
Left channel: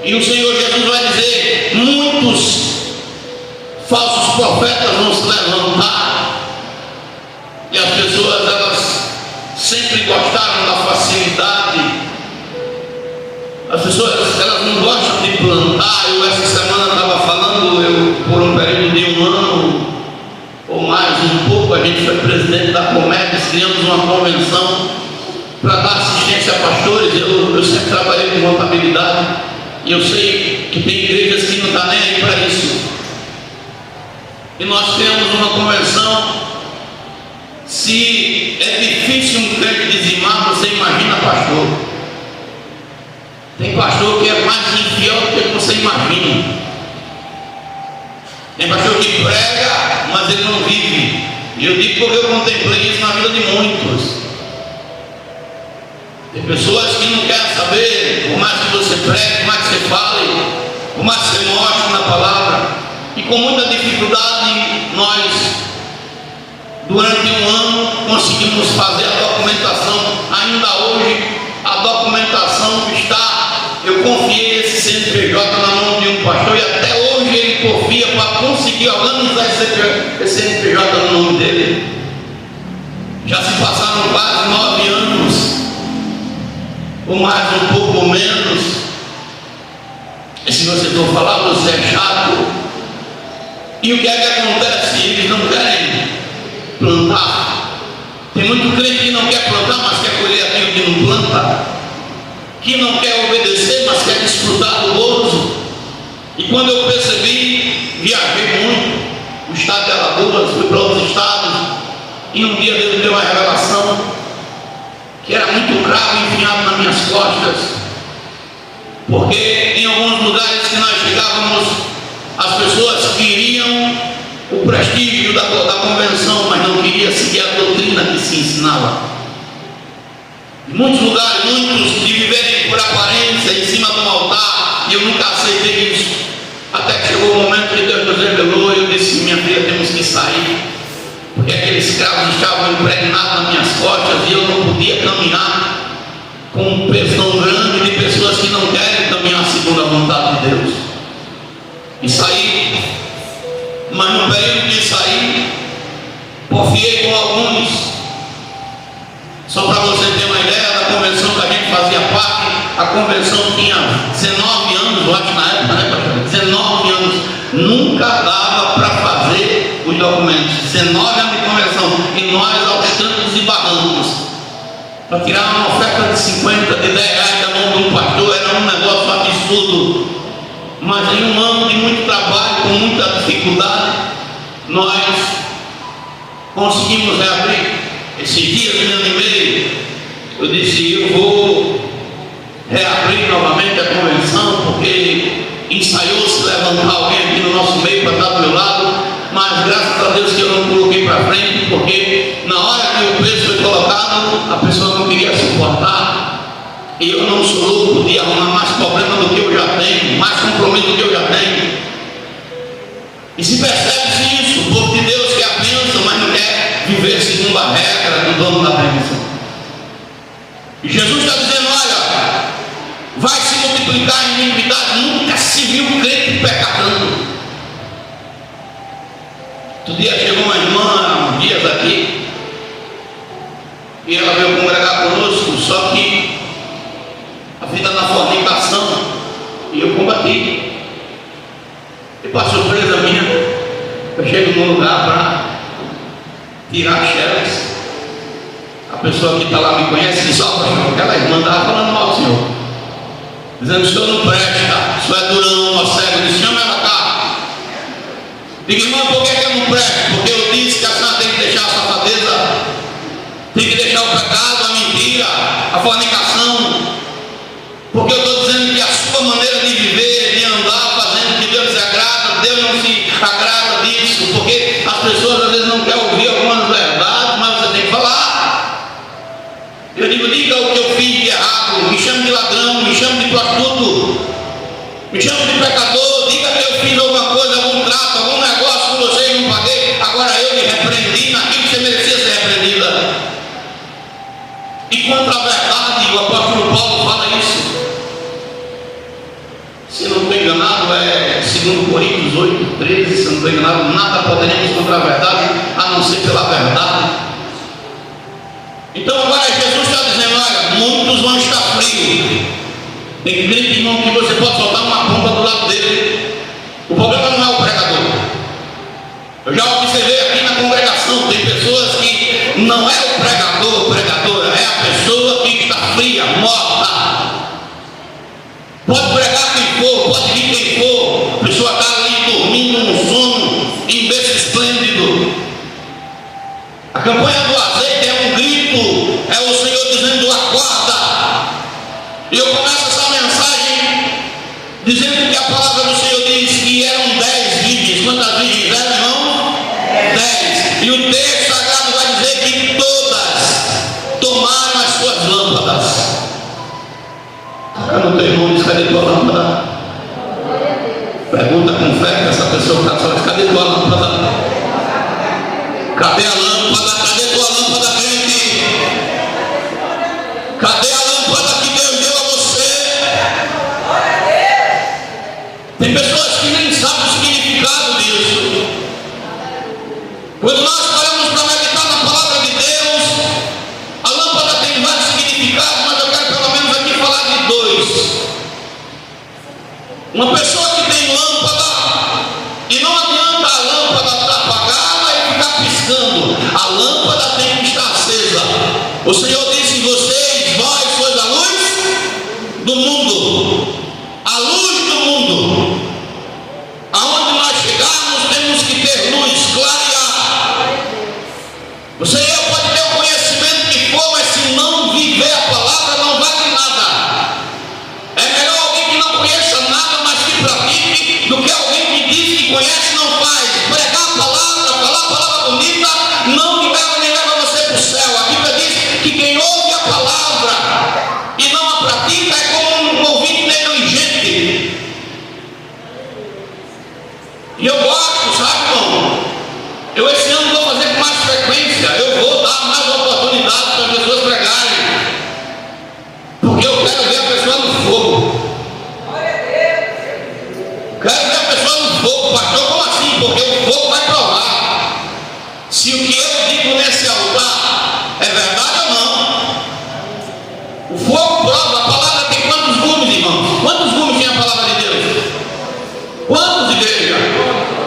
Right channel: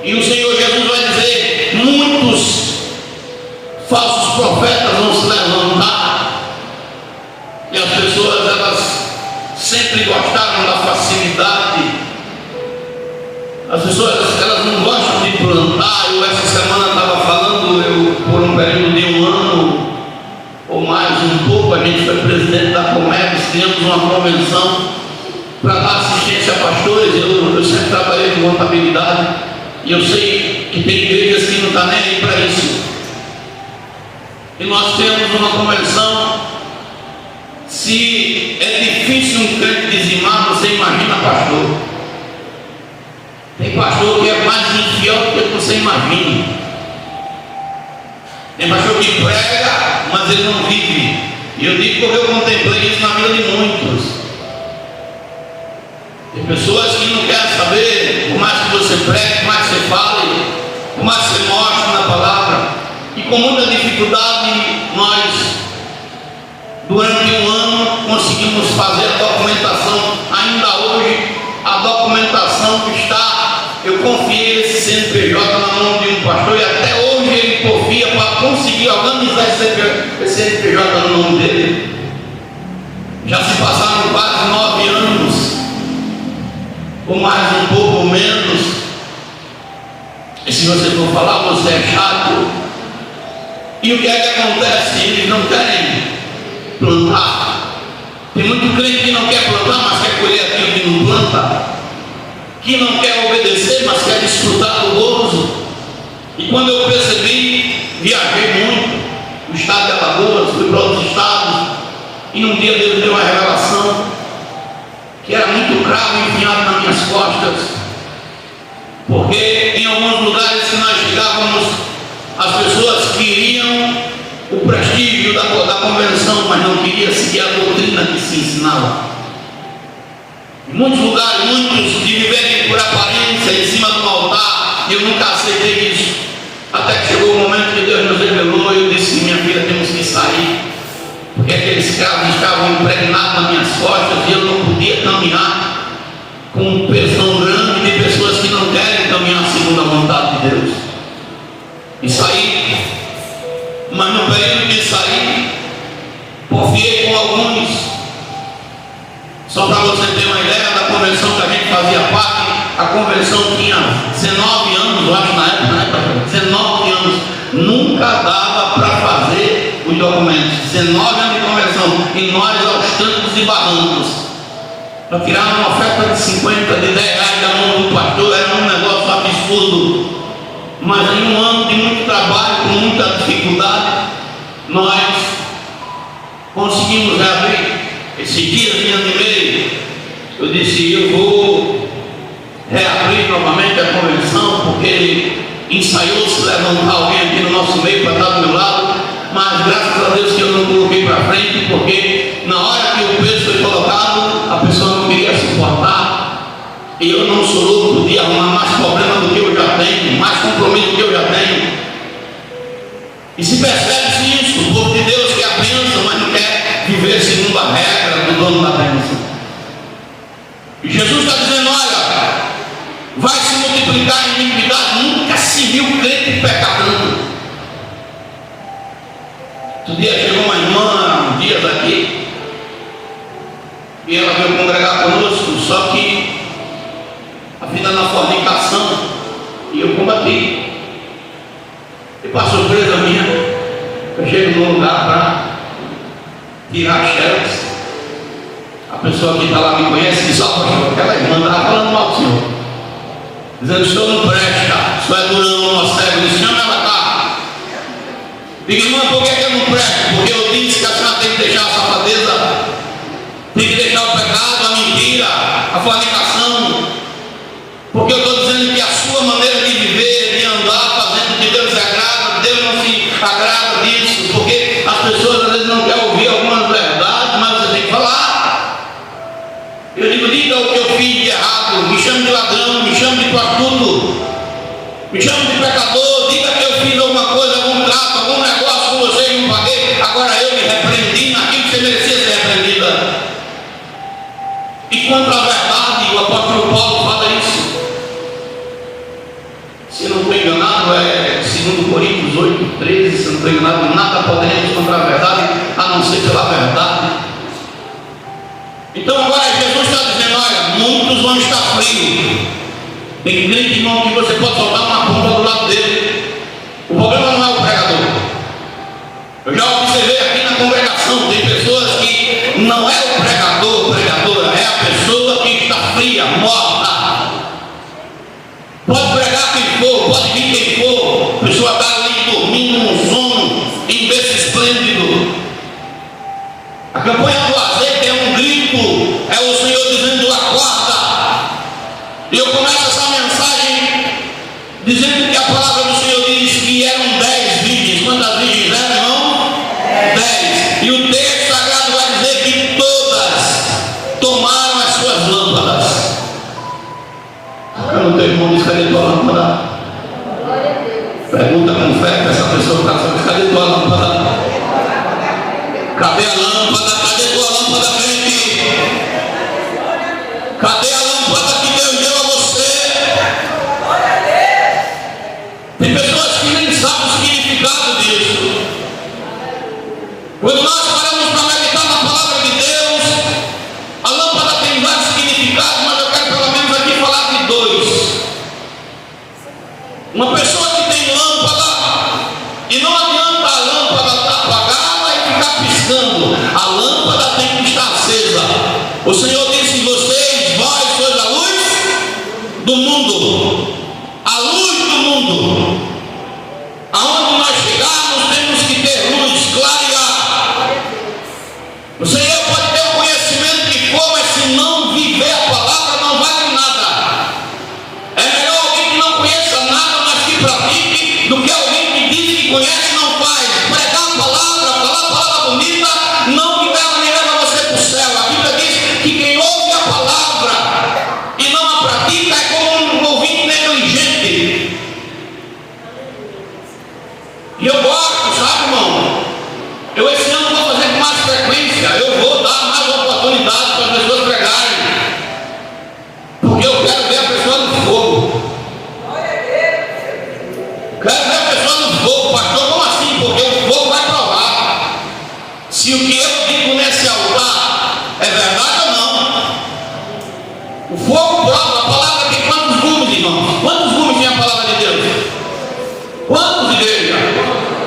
E o Senhor Jesus vai dizer: muitos falsos profetas vão se levantar. E as pessoas, elas sempre gostaram da facilidade. As pessoas, elas não ajudar. Eu essa semana estava falando, por um período de 1 ano ou mais um pouco, a gente foi presidente da Comex, criamos uma convenção para dar assistência a pastores. Eu sempre trabalhei com contabilidade e eu sei que tem igrejas que não estão nem aí para isso. E nós temos uma convenção. Se é difícil um crente dizimar, você imagina pastor. Tem pastor que é mais infiel do que você imagina. Tem pastor que prega, mas ele não vive. E eu digo porque eu contemplei isso na vida de muitos. Tem pessoas que não querem saber, por mais que você pregue, por mais que você fale, por mais que você mostre na palavra. E com muita dificuldade, nós, durante 1 ano, conseguimos fazer a documentação. Ainda hoje, a documentação que está, eu confiei esse CNPJ na mão de um pastor e até hoje ele confia para conseguir organizar esse CNPJ no nome dele. Já se passaram quase 9 anos, ou mais um pouco ou menos. E se você for falar, você é chato. E o que é que acontece? Eles não querem plantar. Tem muito crente que não quer plantar, mas quer colher aquilo que não planta, que não quer obedecer, mas quer desfrutar do gozo. E quando eu percebi, viajei muito, o estado de Alagoas, fui para outros estados, e um dia Deus deu uma revelação que era muito cravo enfiado nas minhas costas, porque em alguns lugares que nós chegávamos, as pessoas queriam o prestígio da convenção, mas não queriam seguir a doutrina que se ensinava. Em muitos lugares, muitos de viverem por aparência em cima do altar, e eu nunca aceitei isso. Até que chegou o momento que Deus nos revelou, e eu disse: minha filha, temos que sair, porque aqueles cravos estavam impregnados nas minhas costas, e eu não podia caminhar com um peso tão grande de pessoas que não querem caminhar segundo a vontade de Deus. E saí, mas no período de sair, confiei com alguns. Só para você ter uma ideia da convenção que a gente fazia parte, a convenção tinha 19 anos, eu acho, na época, né, pastor? 19 anos, nunca dava para fazer os documentos. 19 anos de convenção, e nós aos trancos e barrancos, para tirar uma oferta de 50, de 10 reais da mão do pastor, era um negócio absurdo. Mas em 1 ano de muito trabalho, com muita dificuldade, nós conseguimos reabrir. Esses dias, em ano e meio, eu disse: eu vou reabrir novamente a convenção, porque ensaiou-se levantar alguém aqui no nosso meio para estar do meu lado, mas graças a Deus que eu não coloquei para frente, porque na hora que o peso foi colocado, a pessoa não queria suportar. E eu não sou louco, podia arrumar mais problema do que eu já tenho, mais compromisso do que eu já tenho. E se percebe-se isso, o povo de Deus quer a bênção, mas não quer viver segundo a regra do dono da bênção. E Jesus está dizendo: olha, vai se multiplicar em iniquidade, nunca se viu crente pecadando. Outro dia chegou uma irmã, dias aqui, e ela veio congregar conosco, só que a vida na fornicação, e eu combati. E para surpresa minha, eu chego num lugar para tirar xerox. A pessoa que está lá me conhece e diz: ó, pastor, aquela irmã estava falando mal do senhor, dizendo que o senhor não presta, o senhor é durão, ó cego, diz: chama ela cá. Digo: irmã, por que eu não presto? Porque eu disse que a senhora tem que deixar a safadeza, tem que deixar o pecado, a mentira, a fornicação. Porque eu estou dizendo que a sua maneira de viver, de andar, fazendo que Deus se agrada, Deus não se agrada disso, porque as pessoas às vezes não querem ouvir algumas verdades, mas você tem que falar. Eu digo: diga o que eu fiz de errado, me chame de ladrão, me chame de prostituto, me chame de pecador, diga que eu fiz alguma coisa, algum trato, algum negócio com você e não paguei, agora eu me repreendi naquilo que você merecia ser repreendida. E contra a verdade, o apóstolo Paulo fala isso. Se não estou enganado, é 2 Coríntios 8:13, se não estou enganado: nada poderemos contra a verdade, a não ser pela verdade. Então agora Jesus está dizendo: olha, muitos vão estar frios, Tem crente, irmão, que você pode soltar uma ponta do lado dele. O problema não é o pregador. Eu já observei aqui na congregação, tem pessoas que não é o pregador, pregadora, é a pessoa que está fria, morta. Pode pregar quem for, pode vir quem for, a pessoa está ali dormindo num sono, em berço esplêndido. A campanha do azeite é um grito, é o Senhor dizendo: acorda. E eu começo essa mensagem dizendo que a palavra do Senhor diz que eram 10 virgens. Quantas virgens eram, irmão? 10. E o texto sagrado vai dizer que todas tomaram as suas lâmpadas. Quando o teu irmão diz: cadê tua lâmpada? Pergunta com fé para essa pessoa que está falando: cadê tua lâmpada? Cadê a lâmpada? Cadê tua lâmpada, crente? Cadê a lâmpada que Deus deu a você? Tem pessoas que nem sabem o significado disso. Quando nós paramos para meditar na palavra de Deus, a lâmpada tem vários significados, mas eu quero pelo menos aqui falar de 2. Uma pessoa que tem lâmpada, e não adianta a lâmpada estar apagada e ficar piscando, a lâmpada tem que estar acesa. O Senhor disse: vocês, vós sois a luz do mundo, a luz do mundo. Aonde nós chegarmos, temos que ter luz, clarear. O Senhor pode ter o conhecimento que for, mas se não viver a palavra, não vale nada. É melhor alguém que não conheça nada, mas que pratique, do que alguém que diz que conhece e não faz. Pregar a palavra, falar a palavra bonita, não me leva você para o céu. A Bíblia diz que quem ouve a palavra e não a pratica é como um ouvinte negligente. E eu gosto, sabe, irmão? Eu esse ano vou fazer com mais frequência. Eu vou dar mais oportunidade para as pessoas pregarem, porque eu quero ver a pessoa no fogo. Quero ver a pessoa no fogo. Pastor, como assim? Porque o fogo vai provar se o que eu digo nesse altar é verdade ou não. O fogo prova. A palavra tem quantos gumes, irmão? Quantos gumes tem a palavra de Deus? Quantos, igreja?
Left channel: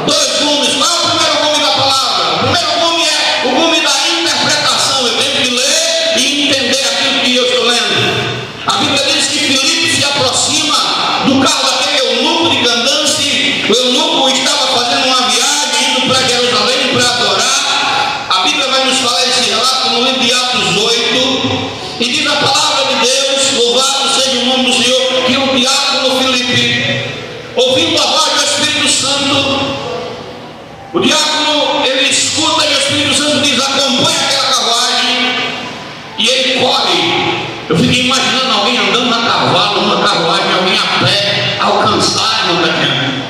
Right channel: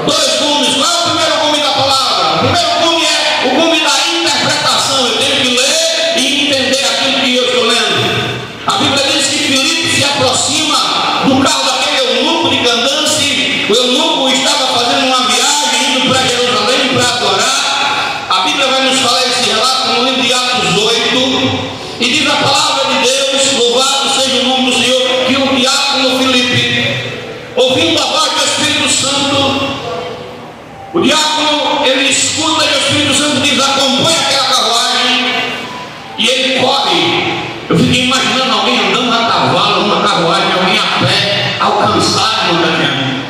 2 gumes. Qual é o primeiro gume da palavra? O primeiro gume é o gume da interpretação. Eu tenho que ler e entender aquilo que eu estou lendo. A Bíblia diz que Filipe se aproxima do carro daquele eunuco de Candace. O eunuco estava fazendo uma viagem, indo para Jerusalém para adorar. A Bíblia vai nos falar esse relato no livro de Atos 8. E diz a palavra de Deus: louvado seja o nome do Senhor, que o diácono Filipe, ouvindo a voz do Espírito Santo, o diácono, ele escuta e o Espírito Santo diz: acompanha aquela carruagem, e ele corre. Eu fiquei imaginando alguém andando a cavalo, numa carruagem, alguém a pé, alcançar no caminho.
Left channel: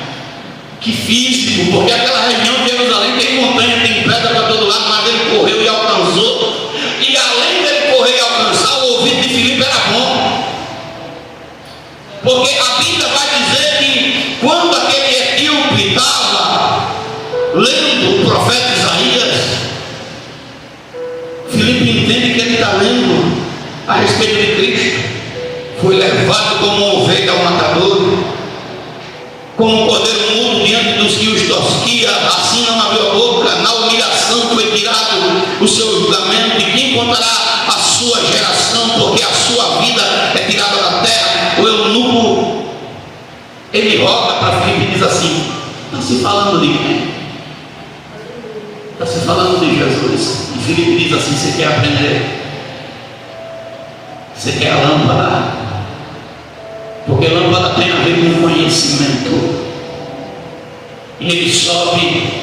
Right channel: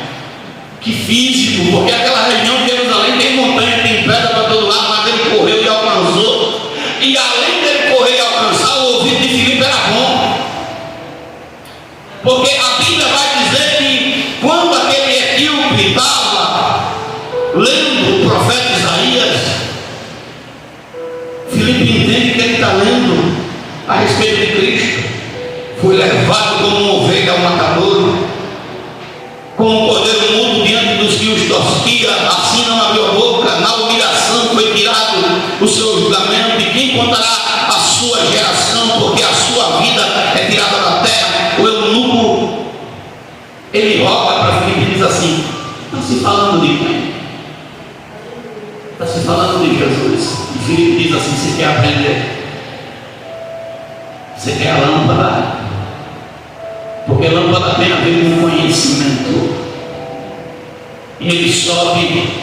Que físico, porque aquela região de Jerusalém tem montanha, tem pedra para todo lado, mas ele correu e alcançou. E além dele correr e alcançar, o ouvido de Filipe era bom. Porque a Bíblia vai dizer que quando aquele etíope estava lendo o profeta Isaías, Filipe entende que ele está lendo a respeito de Cristo. Foi levado como uma ovelha ao matador, como um cordeiro mudo diante dos que os tosquia, assim não abriu a boca. Na humilhação foi tirado o seu julgamento, e quem contará a sua geração, porque a sua vida é tirada da terra. O eunuco, ele roga para Filipe e diz assim: está se falando de quem? Está se falando de Jesus. E Filipe diz assim: você quer aprender? Você quer a lâmpada? Porque lâmpada tem a ver com conhecimento. E ele sobe.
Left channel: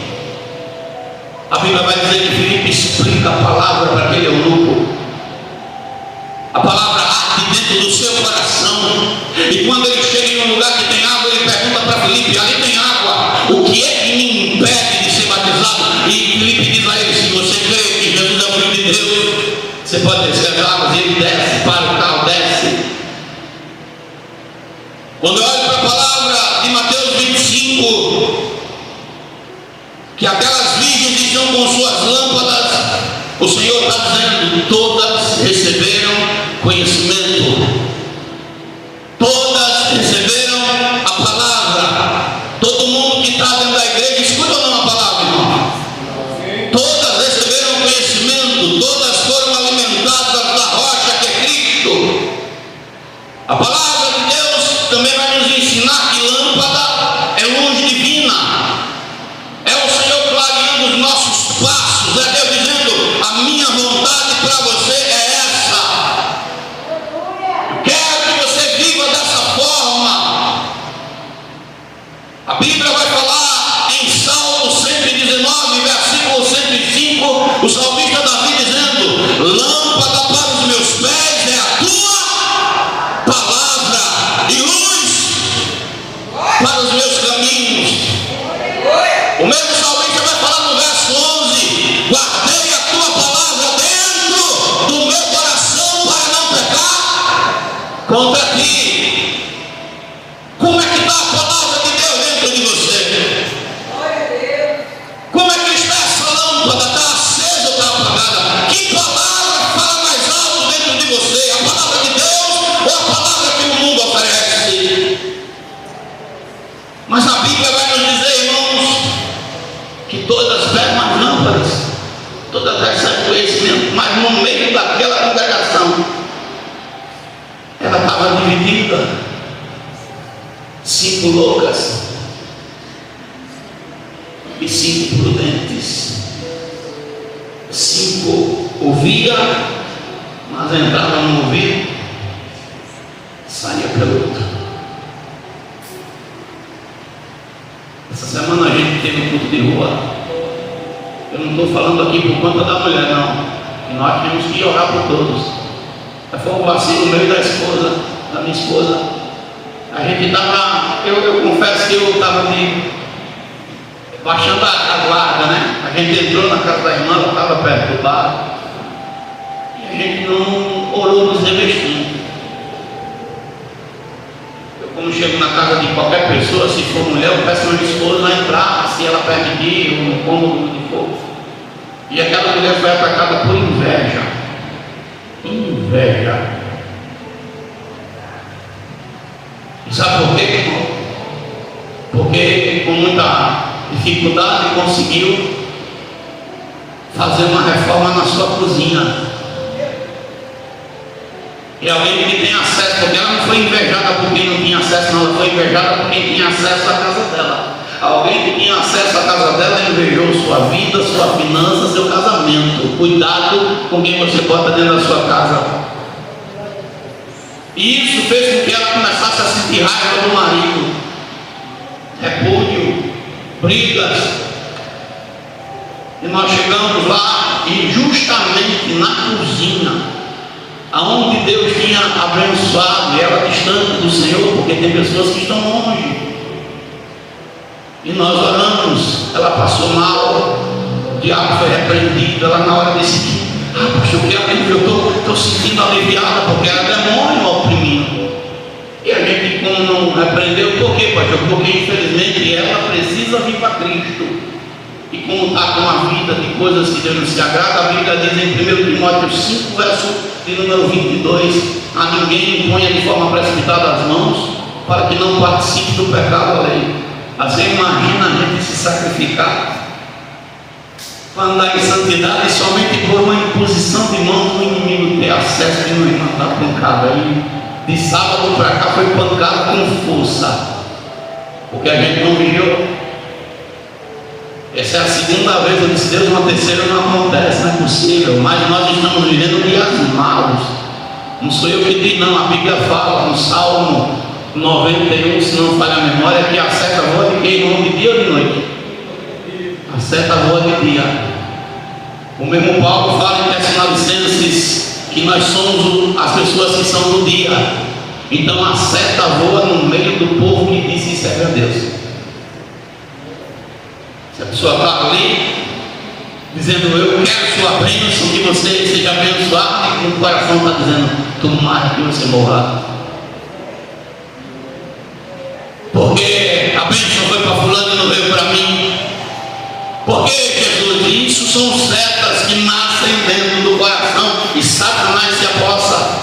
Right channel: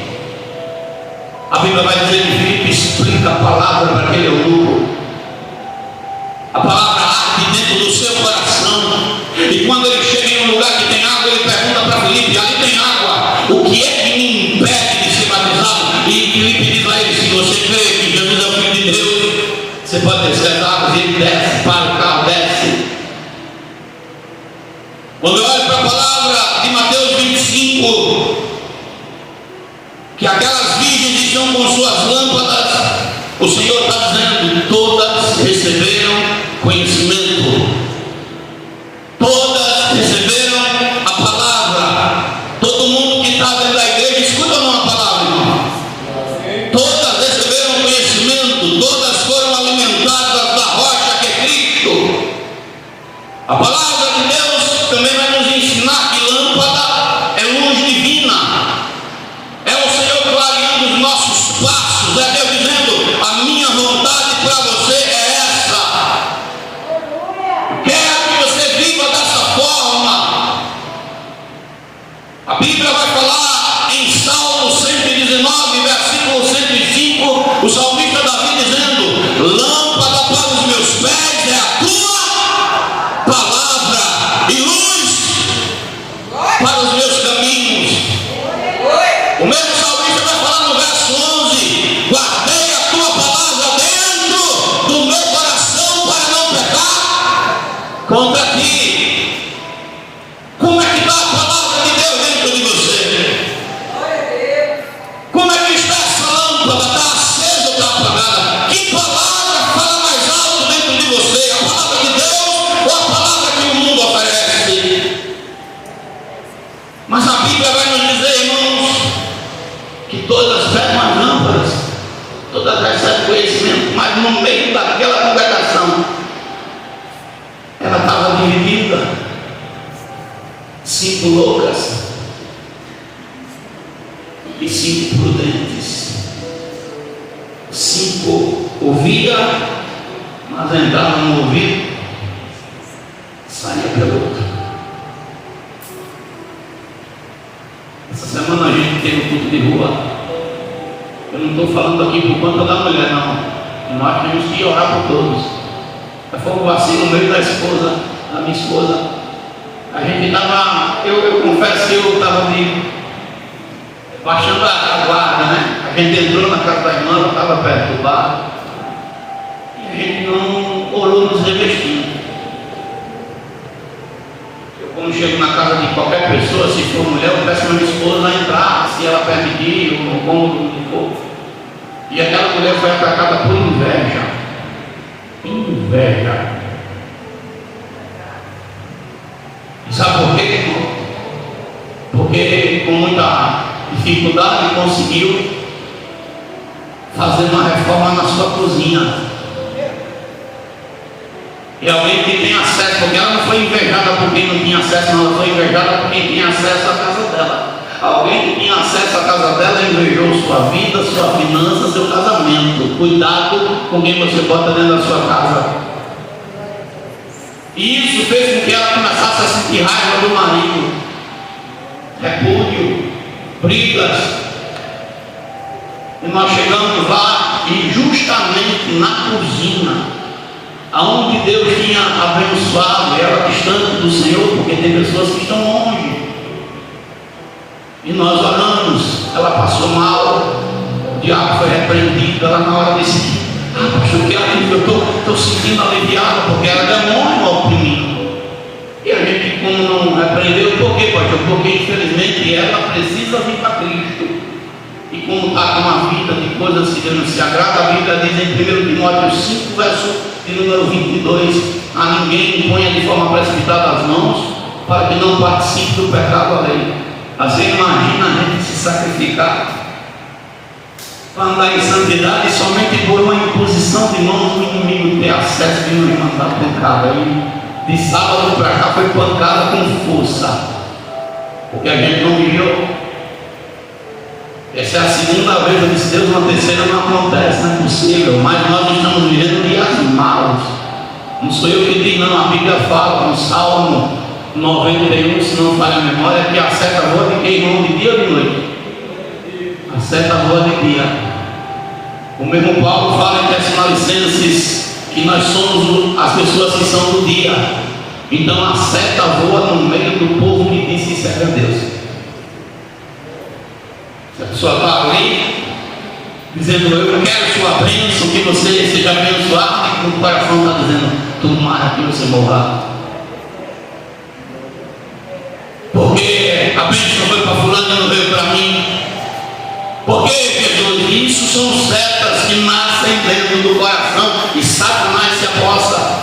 A Bíblia vai dizer que Filipe explica a palavra para aquele eunuco. A palavra arde dentro do seu coração. E quando ele chega em um lugar que tem água, ele pergunta para Filipe: ali tem água, o que é que me impede de ser batizado? E Filipe diz a ele: se você crê que Jesus é o Filho de Deus, você pode descer as águas. E ele desce, para o carro, desce. Quando eu olho para a palavra de Mateus 25, que aquelas virgens estão com suas lâmpadas, o Senhor está dizendo: todas receberam conhecimento, todas Bíblia vai falar em Salmo 119, versículo 105, o salmista Davi dizendo: lâmpada para os meus pés é a tua palavra e luz para os meus caminhos. O mesmo salmista vai falar no verso 11: guardei a tua palavra dentro do meu coração para não pecar contra ti. Como é que está a palavra de Deus dentro de você? Como é que está essa lâmpada? Está acesa ou está apagada? Que palavra fala mais alto dentro de você? A palavra de Deus ou a palavra que o mundo oferece? Mas a Bíblia vai nos dizer, irmãos, que todas eram as lâmpadas, todas recebem conhecimento, mas no meio daquela congregação, ela estava dividida. 5 loucas e 5 prudentes. 5 ouviam, mas entravam no ouvido, saía pelo outro. Essa semana a gente teve um culto de rua. Eu não estou falando aqui por conta da mulher, não. Nós temos que orar por todos. Foi um vacilo meio da esposa, da minha esposa. A gente estava, eu confesso que eu estava baixando a guarda, né? A gente entrou na casa da irmã, ela estava perto do bar, e a gente não orou nos revestindo. Eu, como chego na casa de qualquer pessoa, se for mulher, eu peço a minha esposa a entrar, se ela permitir, ou no cômodo que for. E aquela mulher foi atacada por inveja. Inveja. Sabe por quê, irmão? Porque com muita dificuldade conseguiu fazer uma reforma na sua cozinha. E alguém que tem acesso, porque ela não foi invejada por quem não tinha acesso, não, ela foi invejada por quem tinha acesso à casa dela. Alguém que tinha acesso à casa dela invejou sua vida, sua finança, seu casamento. Cuidado com quem você bota dentro da sua casa. E isso fez com que ela começasse a sentir raiva do marido, repúdio, brigas. E nós chegamos lá e justamente na cozinha, aonde Deus tinha abençoado, e ela distante do Senhor, porque tem pessoas que estão longe. E nós oramos, ela passou mal, o diabo foi repreendido, ela na hora decidiu. Pastor, que alívio, eu estou sentindo aliviado, porque era demônio oprimindo. E a gente, como não repreendeu, por quê, pastor? Porque infelizmente ela precisa vir para Cristo. E como está com uma vida de coisas que Deus não se agrada, a Bíblia diz em 1 Timóteo 5, verso de número 22: a ninguém imponha de forma precipitada as mãos, para que não participe do pecado alheio. Você imagina a gente se sacrificar para andar em santidade somente por uma imposição de mãos do inimigo ter acesso de uma irmã da pancada. Aí de sábado para cá foi pancada com força, porque a gente não vigiou. Essa é a segunda vez, eu disse: Deus, uma terceira não acontece, não é possível. Mas nós estamos vivendo dias maus. Não sou eu que digo, não. A Bíblia fala no Salmo 91, se não falha a memória, que a seta voa de quem, irmão, de dia ou de noite? A seta voa de dia. O mesmo Paulo fala em Tessalonicenses que nós somos as pessoas que são do dia. Então a seta voa no meio do povo que diz que serve a Deus. Se a pessoa está ali dizendo: eu quero sua bênção, que você seja abençoado, e no coração está dizendo: tomara que você morra, porque a bênção foi para fulano e não veio para mim. Porque, Jesus, isso são setas que nascem dentro do coração e Satanás se aposta.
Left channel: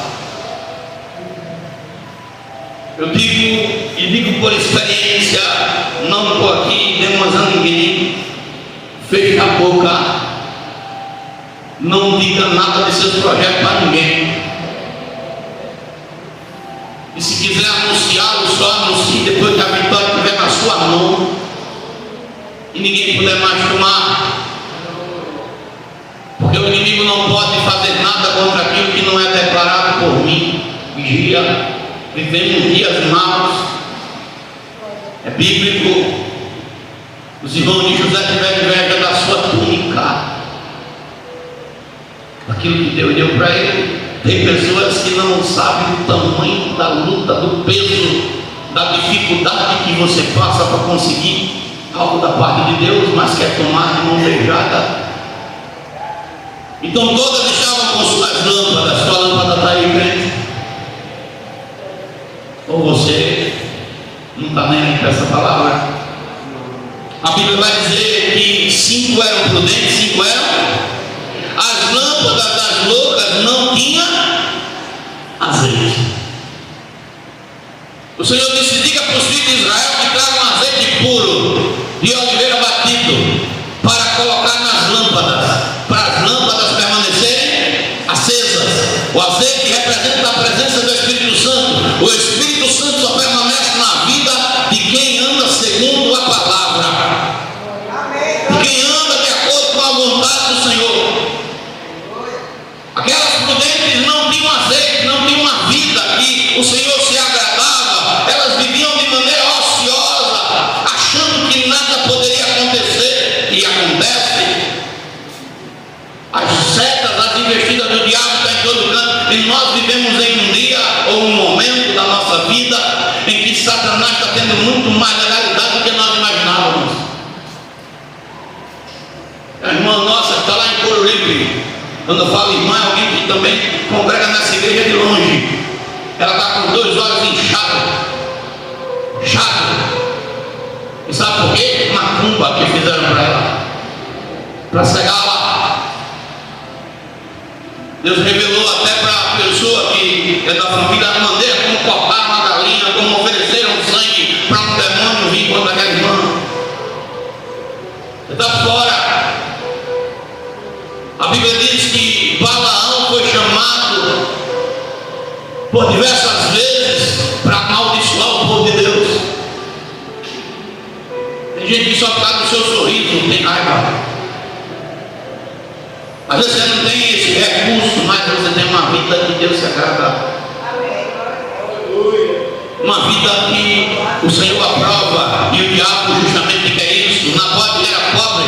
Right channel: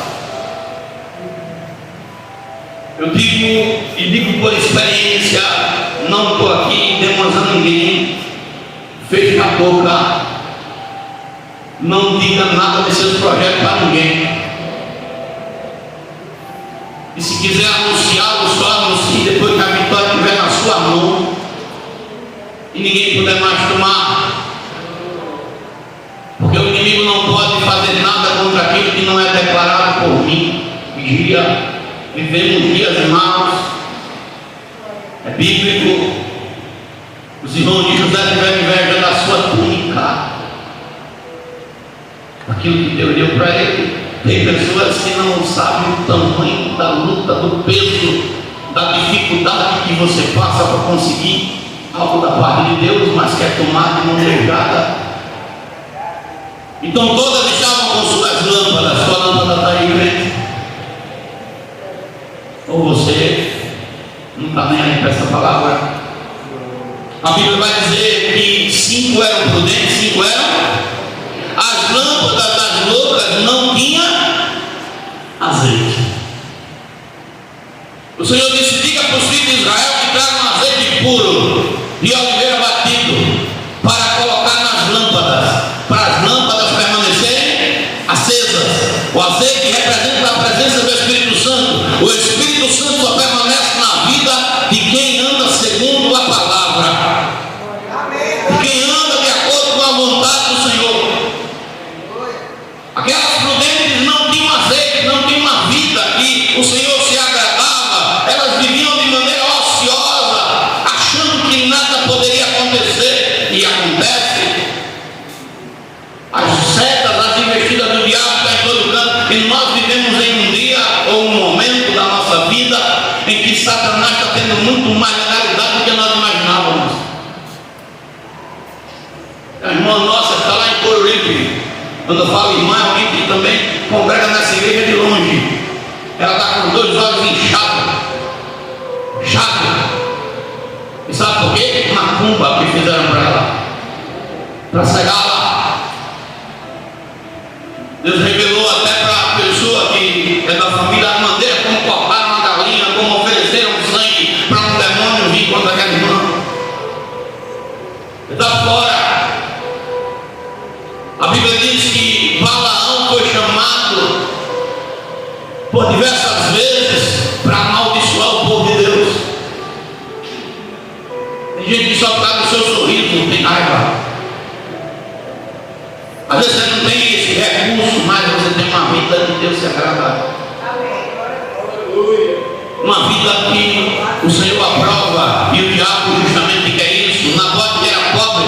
Eu digo por experiência, não estou aqui demonstrando ninguém. Feche a boca, não diga nada de seus projetos para ninguém. E se quiser anunciá-lo, só anuncie depois que a vitória estiver na sua mão e ninguém puder mais tomar, porque o inimigo não pode fazer nada contra aquilo que não é declarado por mim. Vigia, vivemos dias maus, é bíblico, Deus deu para ele. Tem pessoas que não sabem o tamanho da luta, do peso, da dificuldade que você passa para conseguir algo da parte de Deus, mas quer tomar de mão beijada. Então todas estavam com suas lâmpadas. Sua lâmpada está aí, crente? Ou você não está nem aí para essa palavra? A Bíblia vai dizer que 5 eram prudentes, 5 eram. As lâmpadas das loucas não tinham azeite. O Senhor disse: diga para os filhos de Israel que tragam azeite puro de oliveira batido para colocar nas lâmpadas, para as lâmpadas permanecerem acesas. O azeite representa a presença do Espírito Santo. O Espírito Santo só permanece na vida de quem anda segundo a palavra, de quem anda de acordo com a vontade do Senhor. Aquelas prudentes não tinham azeite, não tinham uma vida que o Senhor se agradava. Elas viviam de maneira ociosa, achando que nada poderia acontecer. E acontece. As setas, as investidas do diabo estão em todo canto. E nós vivemos em um dia ou um momento da nossa vida em que Satanás está tendo muito mais legalidade do que nós imaginávamos. A irmã nossa está lá em Coruripe. Quando eu falo irmã, é alguém que também congrega nessa igreja de longe. Ela está com os 2 olhos inchados. E sabe por quê? Macumba que fizeram para ela, para cegá-la. Deus revelou até para a pessoa que é da família a maneira como cortaram uma galinha, como ofereceram sangue para um demônio vir contra aquela irmã. Está fora. A Bíblia diz que Balaão foi chamado por diversas vezes para amaldiçoar o povo de Deus. Tem gente que só está no seu sorriso, não tem raiva. Às vezes você não tem esse recurso, mas você tem uma vida de Deus sagrada. Uma vida que o Senhor aprova, e o diabo justamente quer isso. Nabote era pobre,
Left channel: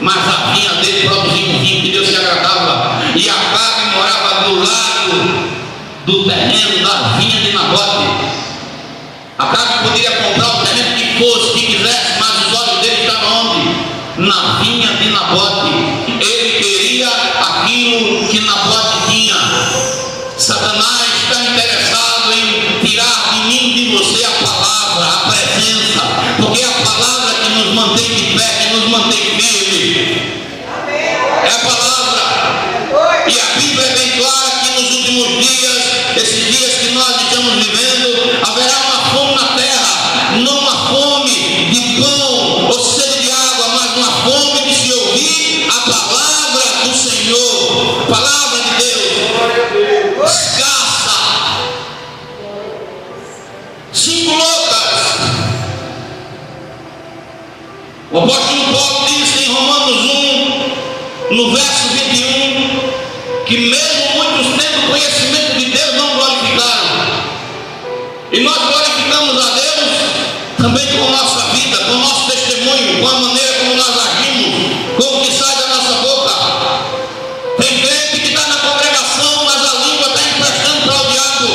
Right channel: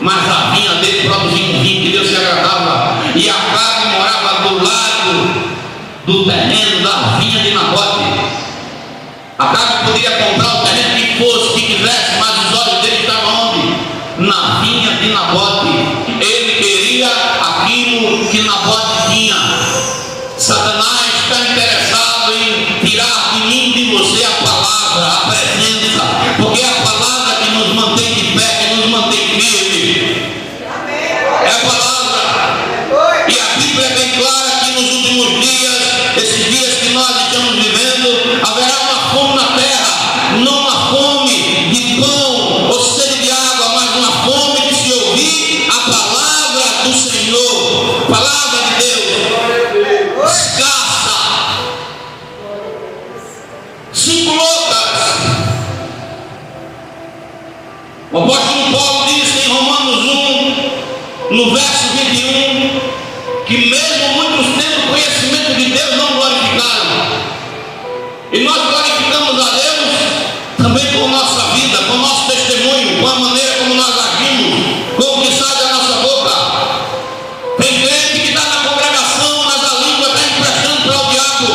mas a vinha dele produzia um vinho que Deus se agradava. E Acabe morava do lado do terreno da vinha de Nabote. Acabe poderia comprar o terreno que fosse, que quisesse, mas os olhos dele estavam onde? Na vinha de Nabote. Ele queria aquilo que Nabote tinha. Satanás está interessado em tirar de mim e de você a palavra, a presença, porque é a palavra que nos mantém de pé, que nos mantém firme. É a palavra. E a Bíblia é bem clara que nos últimos dias, esses dias que nós estamos vivendo, haverá uma fome na terra, não uma fome de pão ou sede de água, mas uma fome de se ouvir a palavra do Senhor, palavra de Deus, escassa. 5 loucas. O apóstolo Paulo diz em Romanos 1, no verso 21, que mesmo muitos tendo conhecimento de Deus não glorificaram. E nós glorificamos a Deus também com nossa vida, com nosso testemunho, com a maneira como nós agimos, com o que sai da nossa boca. Tem crente que está na congregação, mas a língua está emprestando para o diabo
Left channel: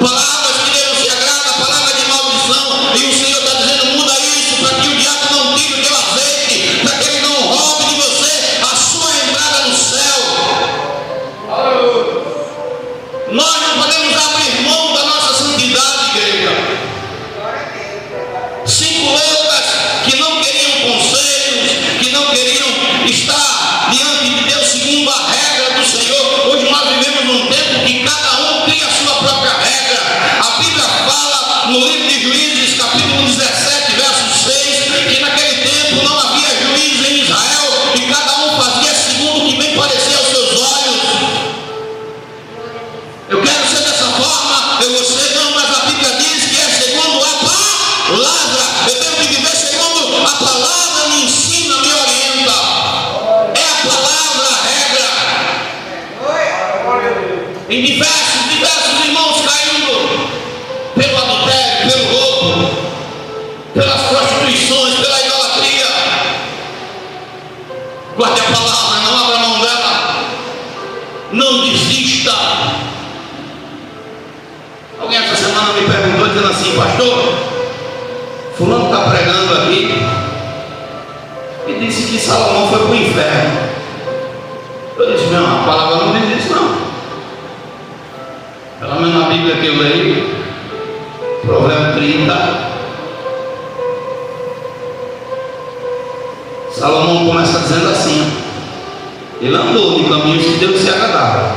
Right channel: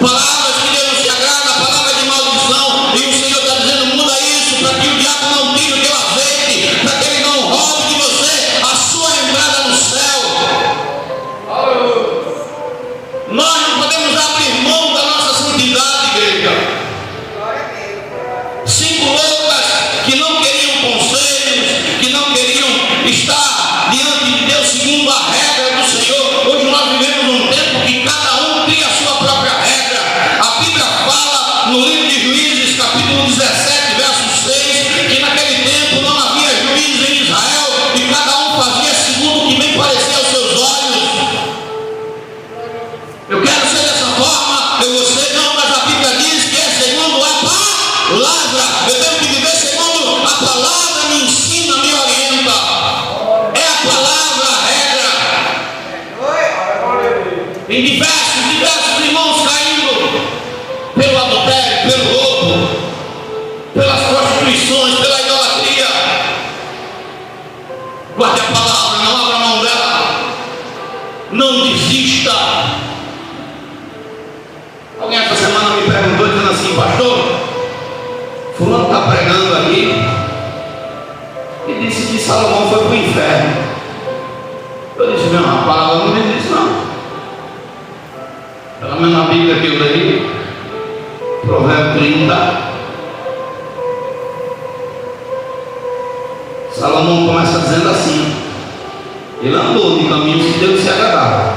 palavras que Deus não se agrada, palavras de maldição, e o Senhor está dizendo: muda isso, para que o diabo não tire o teu azeite, para que ele não roube de você a sua entrada no céu. Nós não podemos abrir mão da nossa santidade, igreja. 5 loucas que não queriam conselhos, que não queriam estar diante de Deus segundo a regra do Senhor. Hoje nós vivemos num tempo que cada um cria a sua própria regra. A Bíblia fala no livro de Juízes, capítulo 17, verso 6, que naquele tempo não havia juízes em Israel e cada um fazia segundo o que bem parecia aos seus olhos. Eu quero ser dessa forma, eu você não, mas a Bíblia diz que é segundo a palavra. Eu tenho que viver segundo a palavra, me ensina, me orienta. É a palavra a regra. Em diversos irmãos caindo pelo adultério, pelo roubo, pelas prostituições, pela idolatria. Guarde a palavra, não abra mão dela. Não pastor, fulano está pregando aqui e disse que Salomão foi para o inferno. Eu disse, não, a palavra não diz isso não. Pelo menos na Bíblia que eu leio, Provérbio 30, Salomão começa dizendo assim: ele andou de caminhos que Deus se agradava.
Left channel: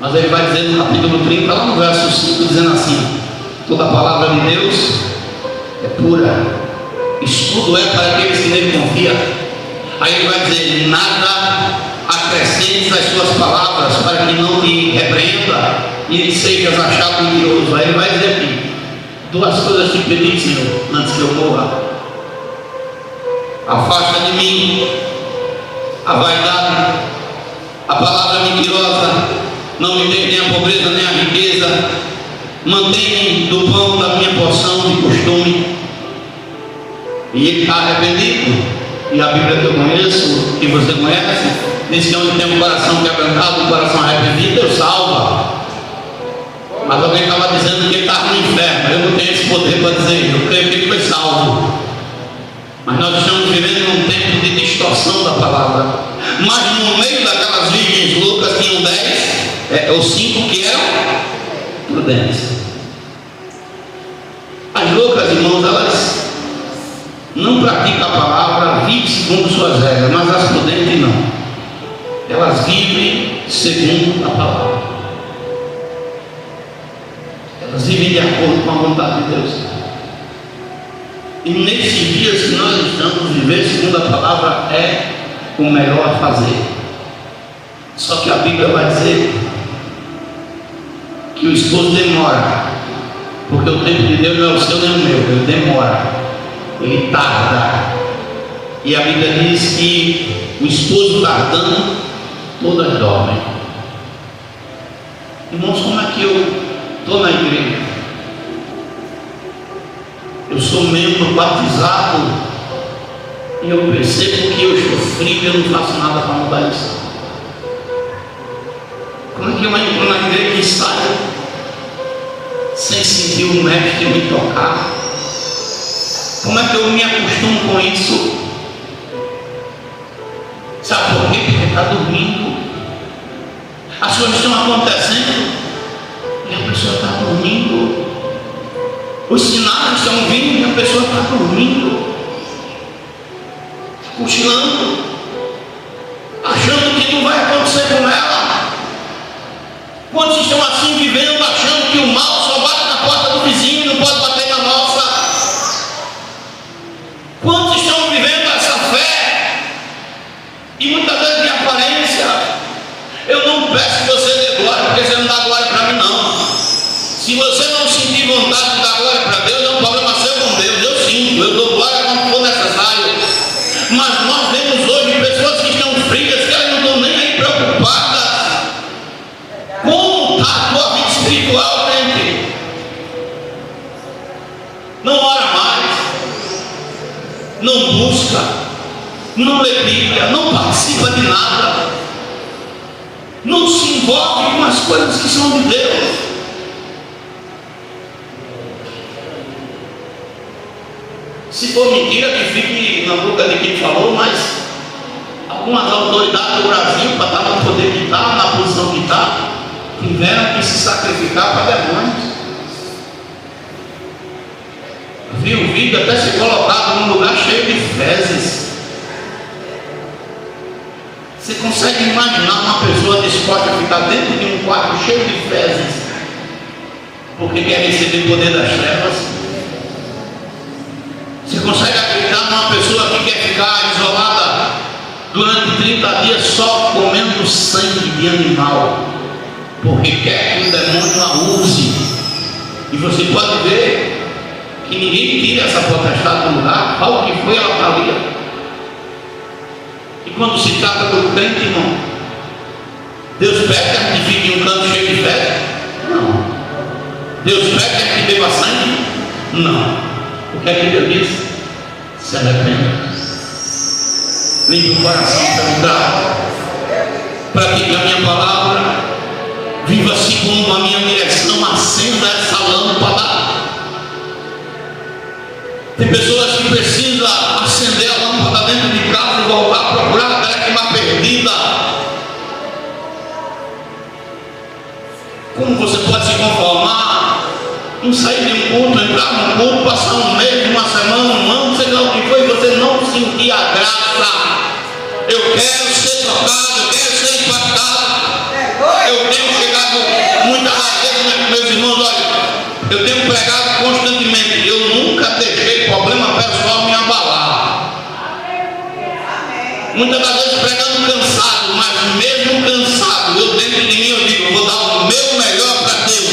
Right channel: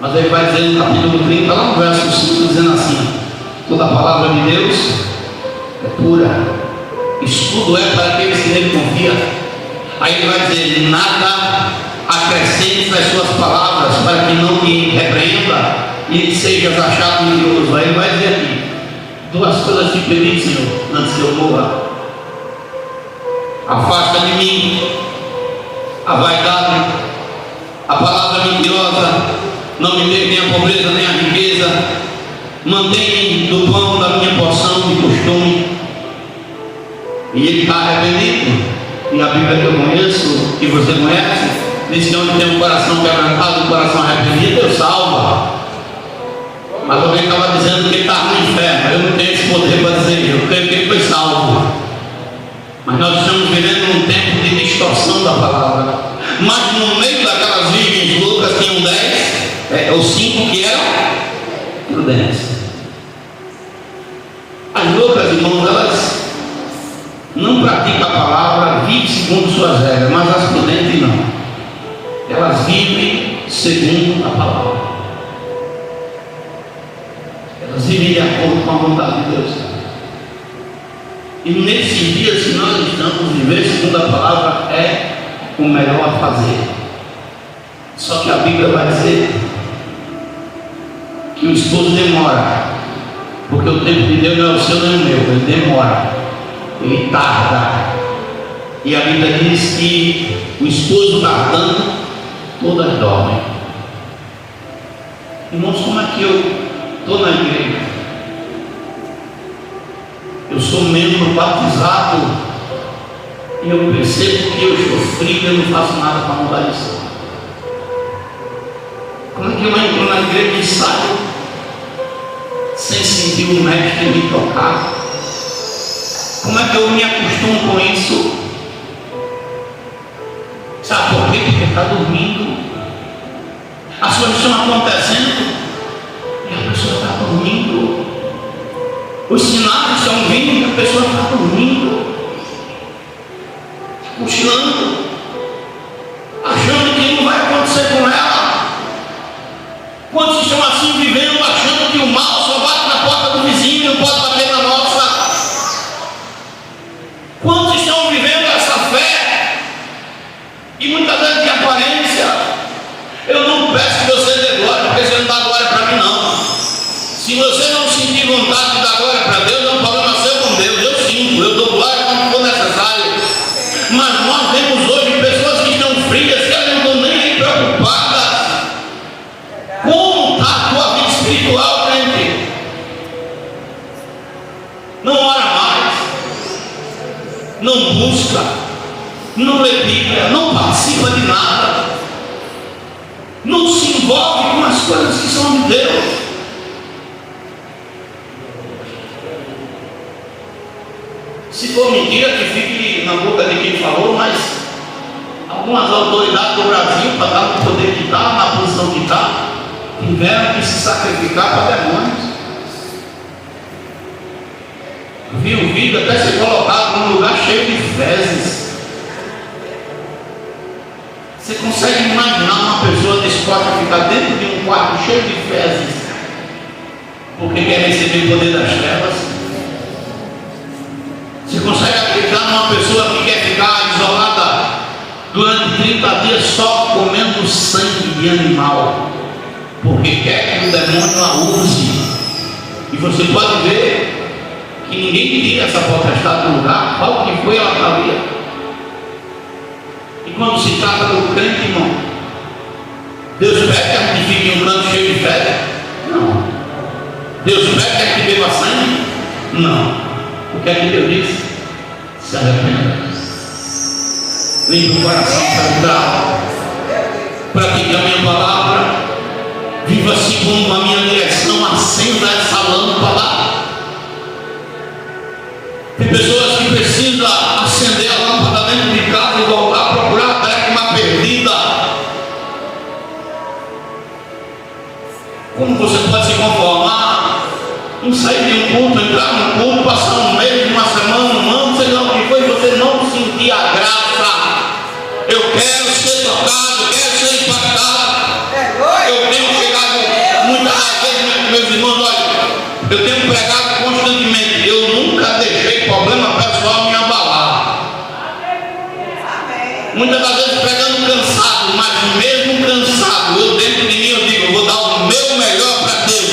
Mas ele vai dizer no capítulo 30, lá no verso 5, dizendo assim: toda a palavra de Deus é pura, estudo é para aqueles que nele confiam. Aí ele vai dizer: nada acrescente as suas palavras, para que não te repreenda e sejas achado mentiroso. Aí ele vai dizer aqui: duas coisas te pedi, Senhor, antes que eu morra: afasta de mim a vaidade, a palavra mentirosa, não me dê nem a pobreza nem a riqueza, mantém-me do pão da minha porção de costume. E ele está arrependido. E a Bíblia que eu conheço, que você conhece, diz que onde tem um coração quebrantado, um coração arrependido, Deus salva. Mas alguém estava dizendo que ele estava no inferno. Eu não tenho esse poder para dizer, eu creio que ele foi salvo. Mas nós estamos vivendo um tempo de distorção da palavra. Mas no meio daquelas virgens loucas tinham 10 ou 5 que eram prudentes. As loucas, irmãos, elas não praticam a palavra, vivem segundo suas regras, mas as prudentes não. Elas vivem segundo a palavra. Elas vivem de acordo com a vontade de Deus. E nesses dias que nós estamos vivendo segundo a palavra é o melhor a fazer. Só que a Bíblia vai dizer que o esposo demora, porque o tempo de Deus não é o seu nem o meu, ele demora, ele tarda. E a Bíblia diz que o esposo tardando, todas dormem. Irmãos, como é que eu estou na igreja? Eu sou membro batizado e eu percebo que eu estou frio e eu não faço nada para mudar isso. Como é que eu entro na igreja e saio sem sentir o mestre me tocar? Como é que eu me acostumo com isso? Sabe por quê? Porque está dormindo. As coisas estão acontecendo e a pessoa está dormindo. Os sinais estão vindo e a pessoa está dormindo, cochilando, achando que não vai acontecer com ela. Quantos estão assim vivendo, achando que o mal só bate na porta do vizinho e não pode bater na nossa? Quantos estão vivendo essa fé e muitas vezes de aparência? Eu não peço que você dê glória, porque você não dá glória para mim não. Se você não sentir vontade de dar glória para Deus, é um problema seu com Deus. Eu sinto, eu dou glória quando for necessário. Mas nós vemos hoje pessoas que estão frias, que elas não estão nem aí preocupadas. Como está a tua vida espiritual, gente? Não ora mais, não busca, não lê Bíblia, não participa de nada, não se envolve com as coisas que são de Deus. Se for mentira, que fique na boca de quem falou, mas algumas autoridades do Brasil, para estar no poder que está, na posição que está, tiveram que se sacrificar para demônios. Vi um vídeo até ser colocado num lugar cheio de fezes. Você consegue imaginar uma pessoa disposta a ficar dentro de um quarto cheio de fezes porque quer receber o poder das trevas? Você consegue acreditar numa pessoa que quer ficar isolada durante 30 dias só comendo sangue de animal, porque quer que o demônio a use? E você pode ver que ninguém tira essa potestade do lugar. Qual que foi a lataria? E quando se trata do crente, irmão, Deus pede que a gente fique em um canto cheio de fé? Não. Deus pede que a gente beba sangue? Não. O que é que Deus diz? Se arrependa, limpe o coração para mudar, pratique a minha palavra, viva segundo a minha direção, acenda essa lâmpada, de um culto, entrar no culto, passar um mês, uma semana, um ano, sei lá o que foi, você não sentir a graça. Eu quero ser tocado, eu quero ser impactado. Eu tenho chegado muitas vezes, meus irmãos, olha, eu tenho pregado constantemente. Eu nunca deixei problema pessoal me abalar. Muitas das vezes pregando cansado, mas mesmo cansado, eu dentro de mim eu digo, eu vou dar o meu melhor para Deus.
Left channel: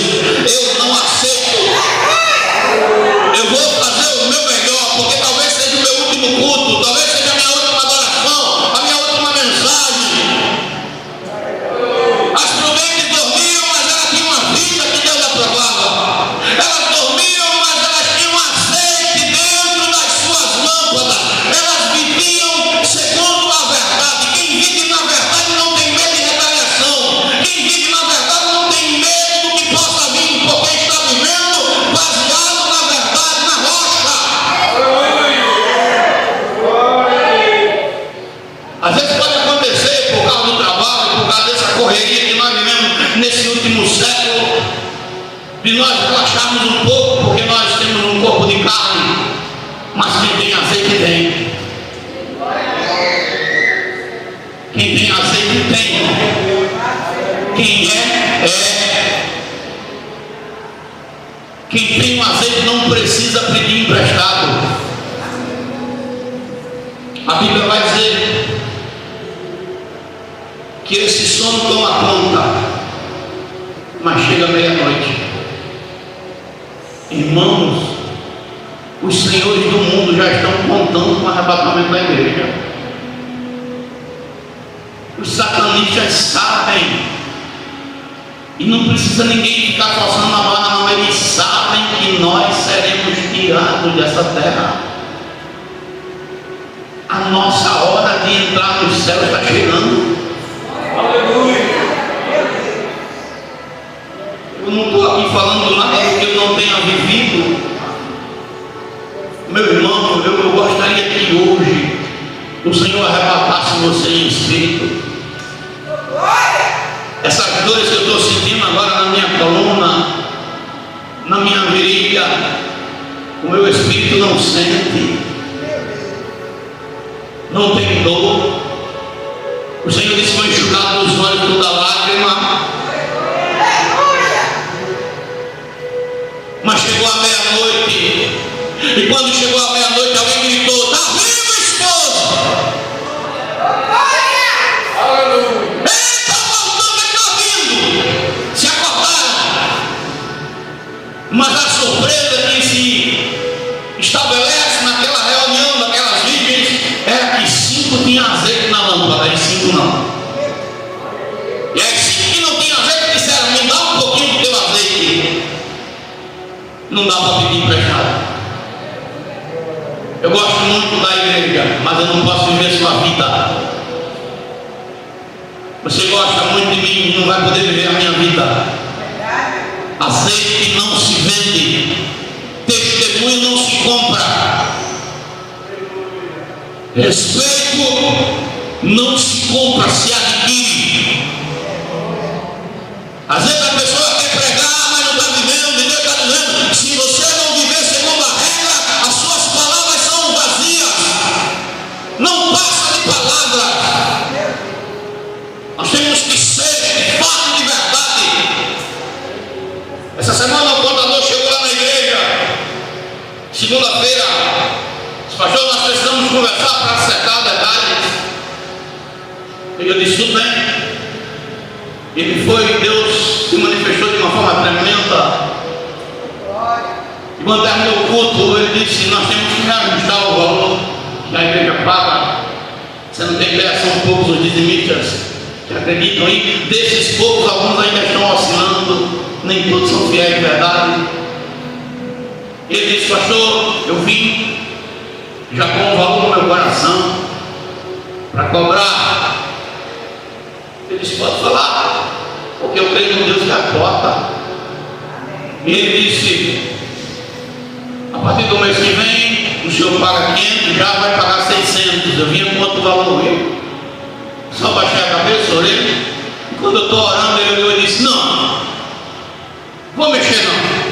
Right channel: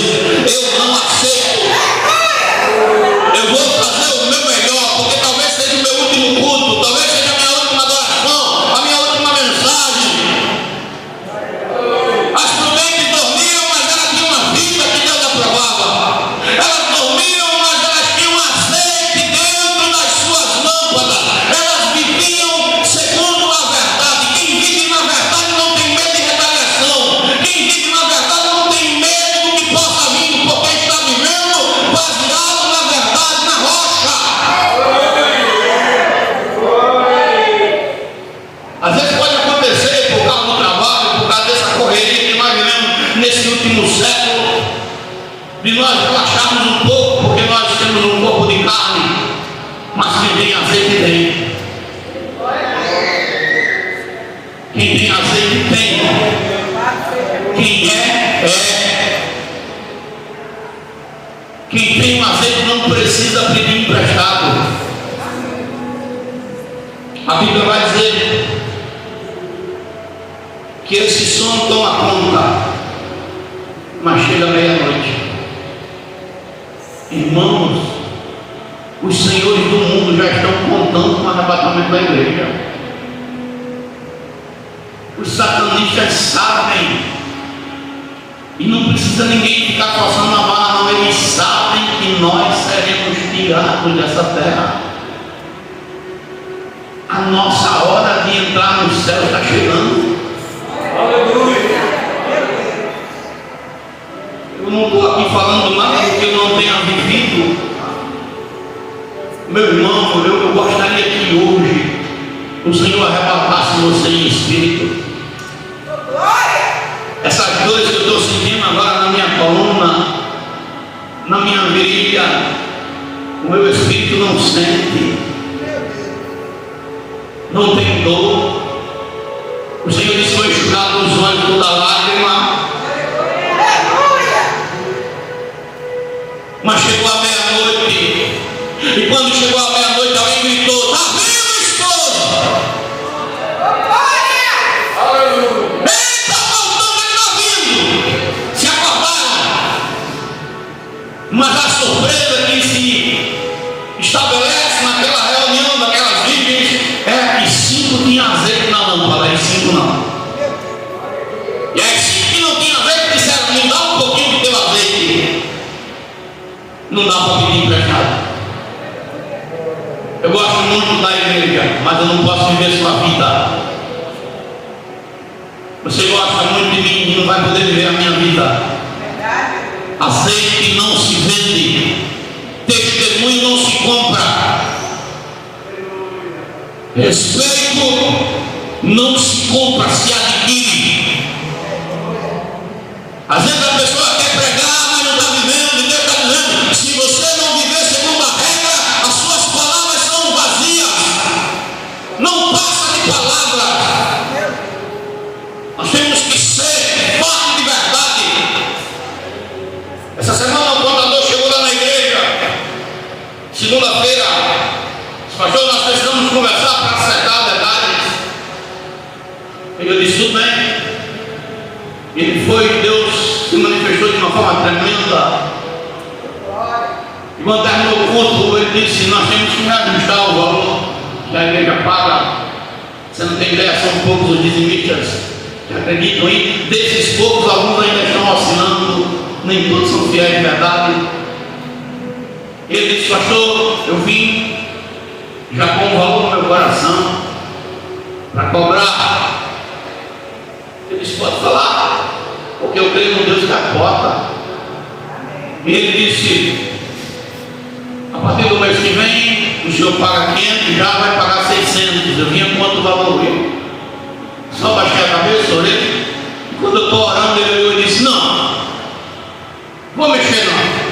Eu não aceito. Eu vou fazer o meu melhor, porque talvez seja o meu último culto, talvez seja a minha última adoração, a minha última mensagem. As prudentes dormiam, mas elas tinham uma vida que Deus aprovava. Elas dormiam, mas elas tinham azeite dentro das suas lâmpadas. Elas viviam segundo a verdade. Quem vive na verdade não tem medo de retaliação. Quem vive na verdade não tem medo do que possa vir, porque está vivendo baseado na verdade, na rocha. Às vezes pode acontecer por causa do trabalho, por causa dessa correria que nós vivemos nesse último século, de nós relaxarmos um pouco, porque nós temos um corpo de carne, mas quem tem azeite tem. Quem tem azeite tem. Quem é. Quem tem um azeite não precisa pedir emprestado. A Bíblia vai dizer que esse sono toma conta, mas chega meia-noite. Irmãos, os senhores do mundo já estão contando com o arrebatamento da igreja. Os satanistas sabem, e não precisa ninguém ficar passando uma barra, não. Eles sabem que nós seremos tirados dessa terra. A nossa hora de entrar no céu está chegando. Aleluia. Eu não estou aqui falando nada que eu não tenha vivido. Meu irmão, eu gostaria que hoje o Senhor arrebatasse você em espírito. Essas dores que eu estou sentindo agora na minha coluna, na minha virilha, o meu espírito não sente, não tem dor. O Senhor disse: vou enxugar dos olhos toda lágrima. Mas chegou a meia-noite, e quando chegou a meia-noite, alguém gritou: está vivo, esposo! Eita, voltou, mas está vindo! Se acordaram. Mas a surpresa que se estabelece naquela reunião daquelas virgens era que 5 tinham azeite na lâmpada e 5 não. E as 5 que não tinham azeite disseram: me dá um pouquinho do teu azeite. Não dá para pedir emprestado. Eu gosto muito da igreja, mas eu não posso viver sua vida. Você gosta muito de mim, não vai poder viver a minha vida. Azeite não se vende, testemunho não se compra, respeito não se compra, se adquire. Às vezes a pessoa quer pregar, mas não está vivendo, e Deus está dizendo: se você não viver segundo a regra, as suas palavras são vazias, não passa de palavra. Nós temos que ser fortes de verdade. Essa semana o contador chegou lá na igreja, segunda-feira. Pastor, nós precisamos conversar para acertar detalhes. Eu disse: tudo bem. Ele foi, Deus se manifestou de uma forma tremenda. E quando terminou o culto, ele disse: nós temos que reajustar o valor que a igreja paga. Você não tem ideia, são poucos os dizimistas que acreditam aí. Desses poucos, alguns ainda estão oscilando, nem todos são fiéis de verdade. Ele disse: pastor, eu vim já com o valor no meu coração para cobrar. Ele disse: pode falar, porque eu creio no Deus que capota. E ele disse: a partir do mês que vem o senhor paga 500, já vai pagar 600. Eu vinha quanto valor veio. Só baixei a cabeça, orei. Quando eu estou orando, ele olhou e disse: não, vou mexer não.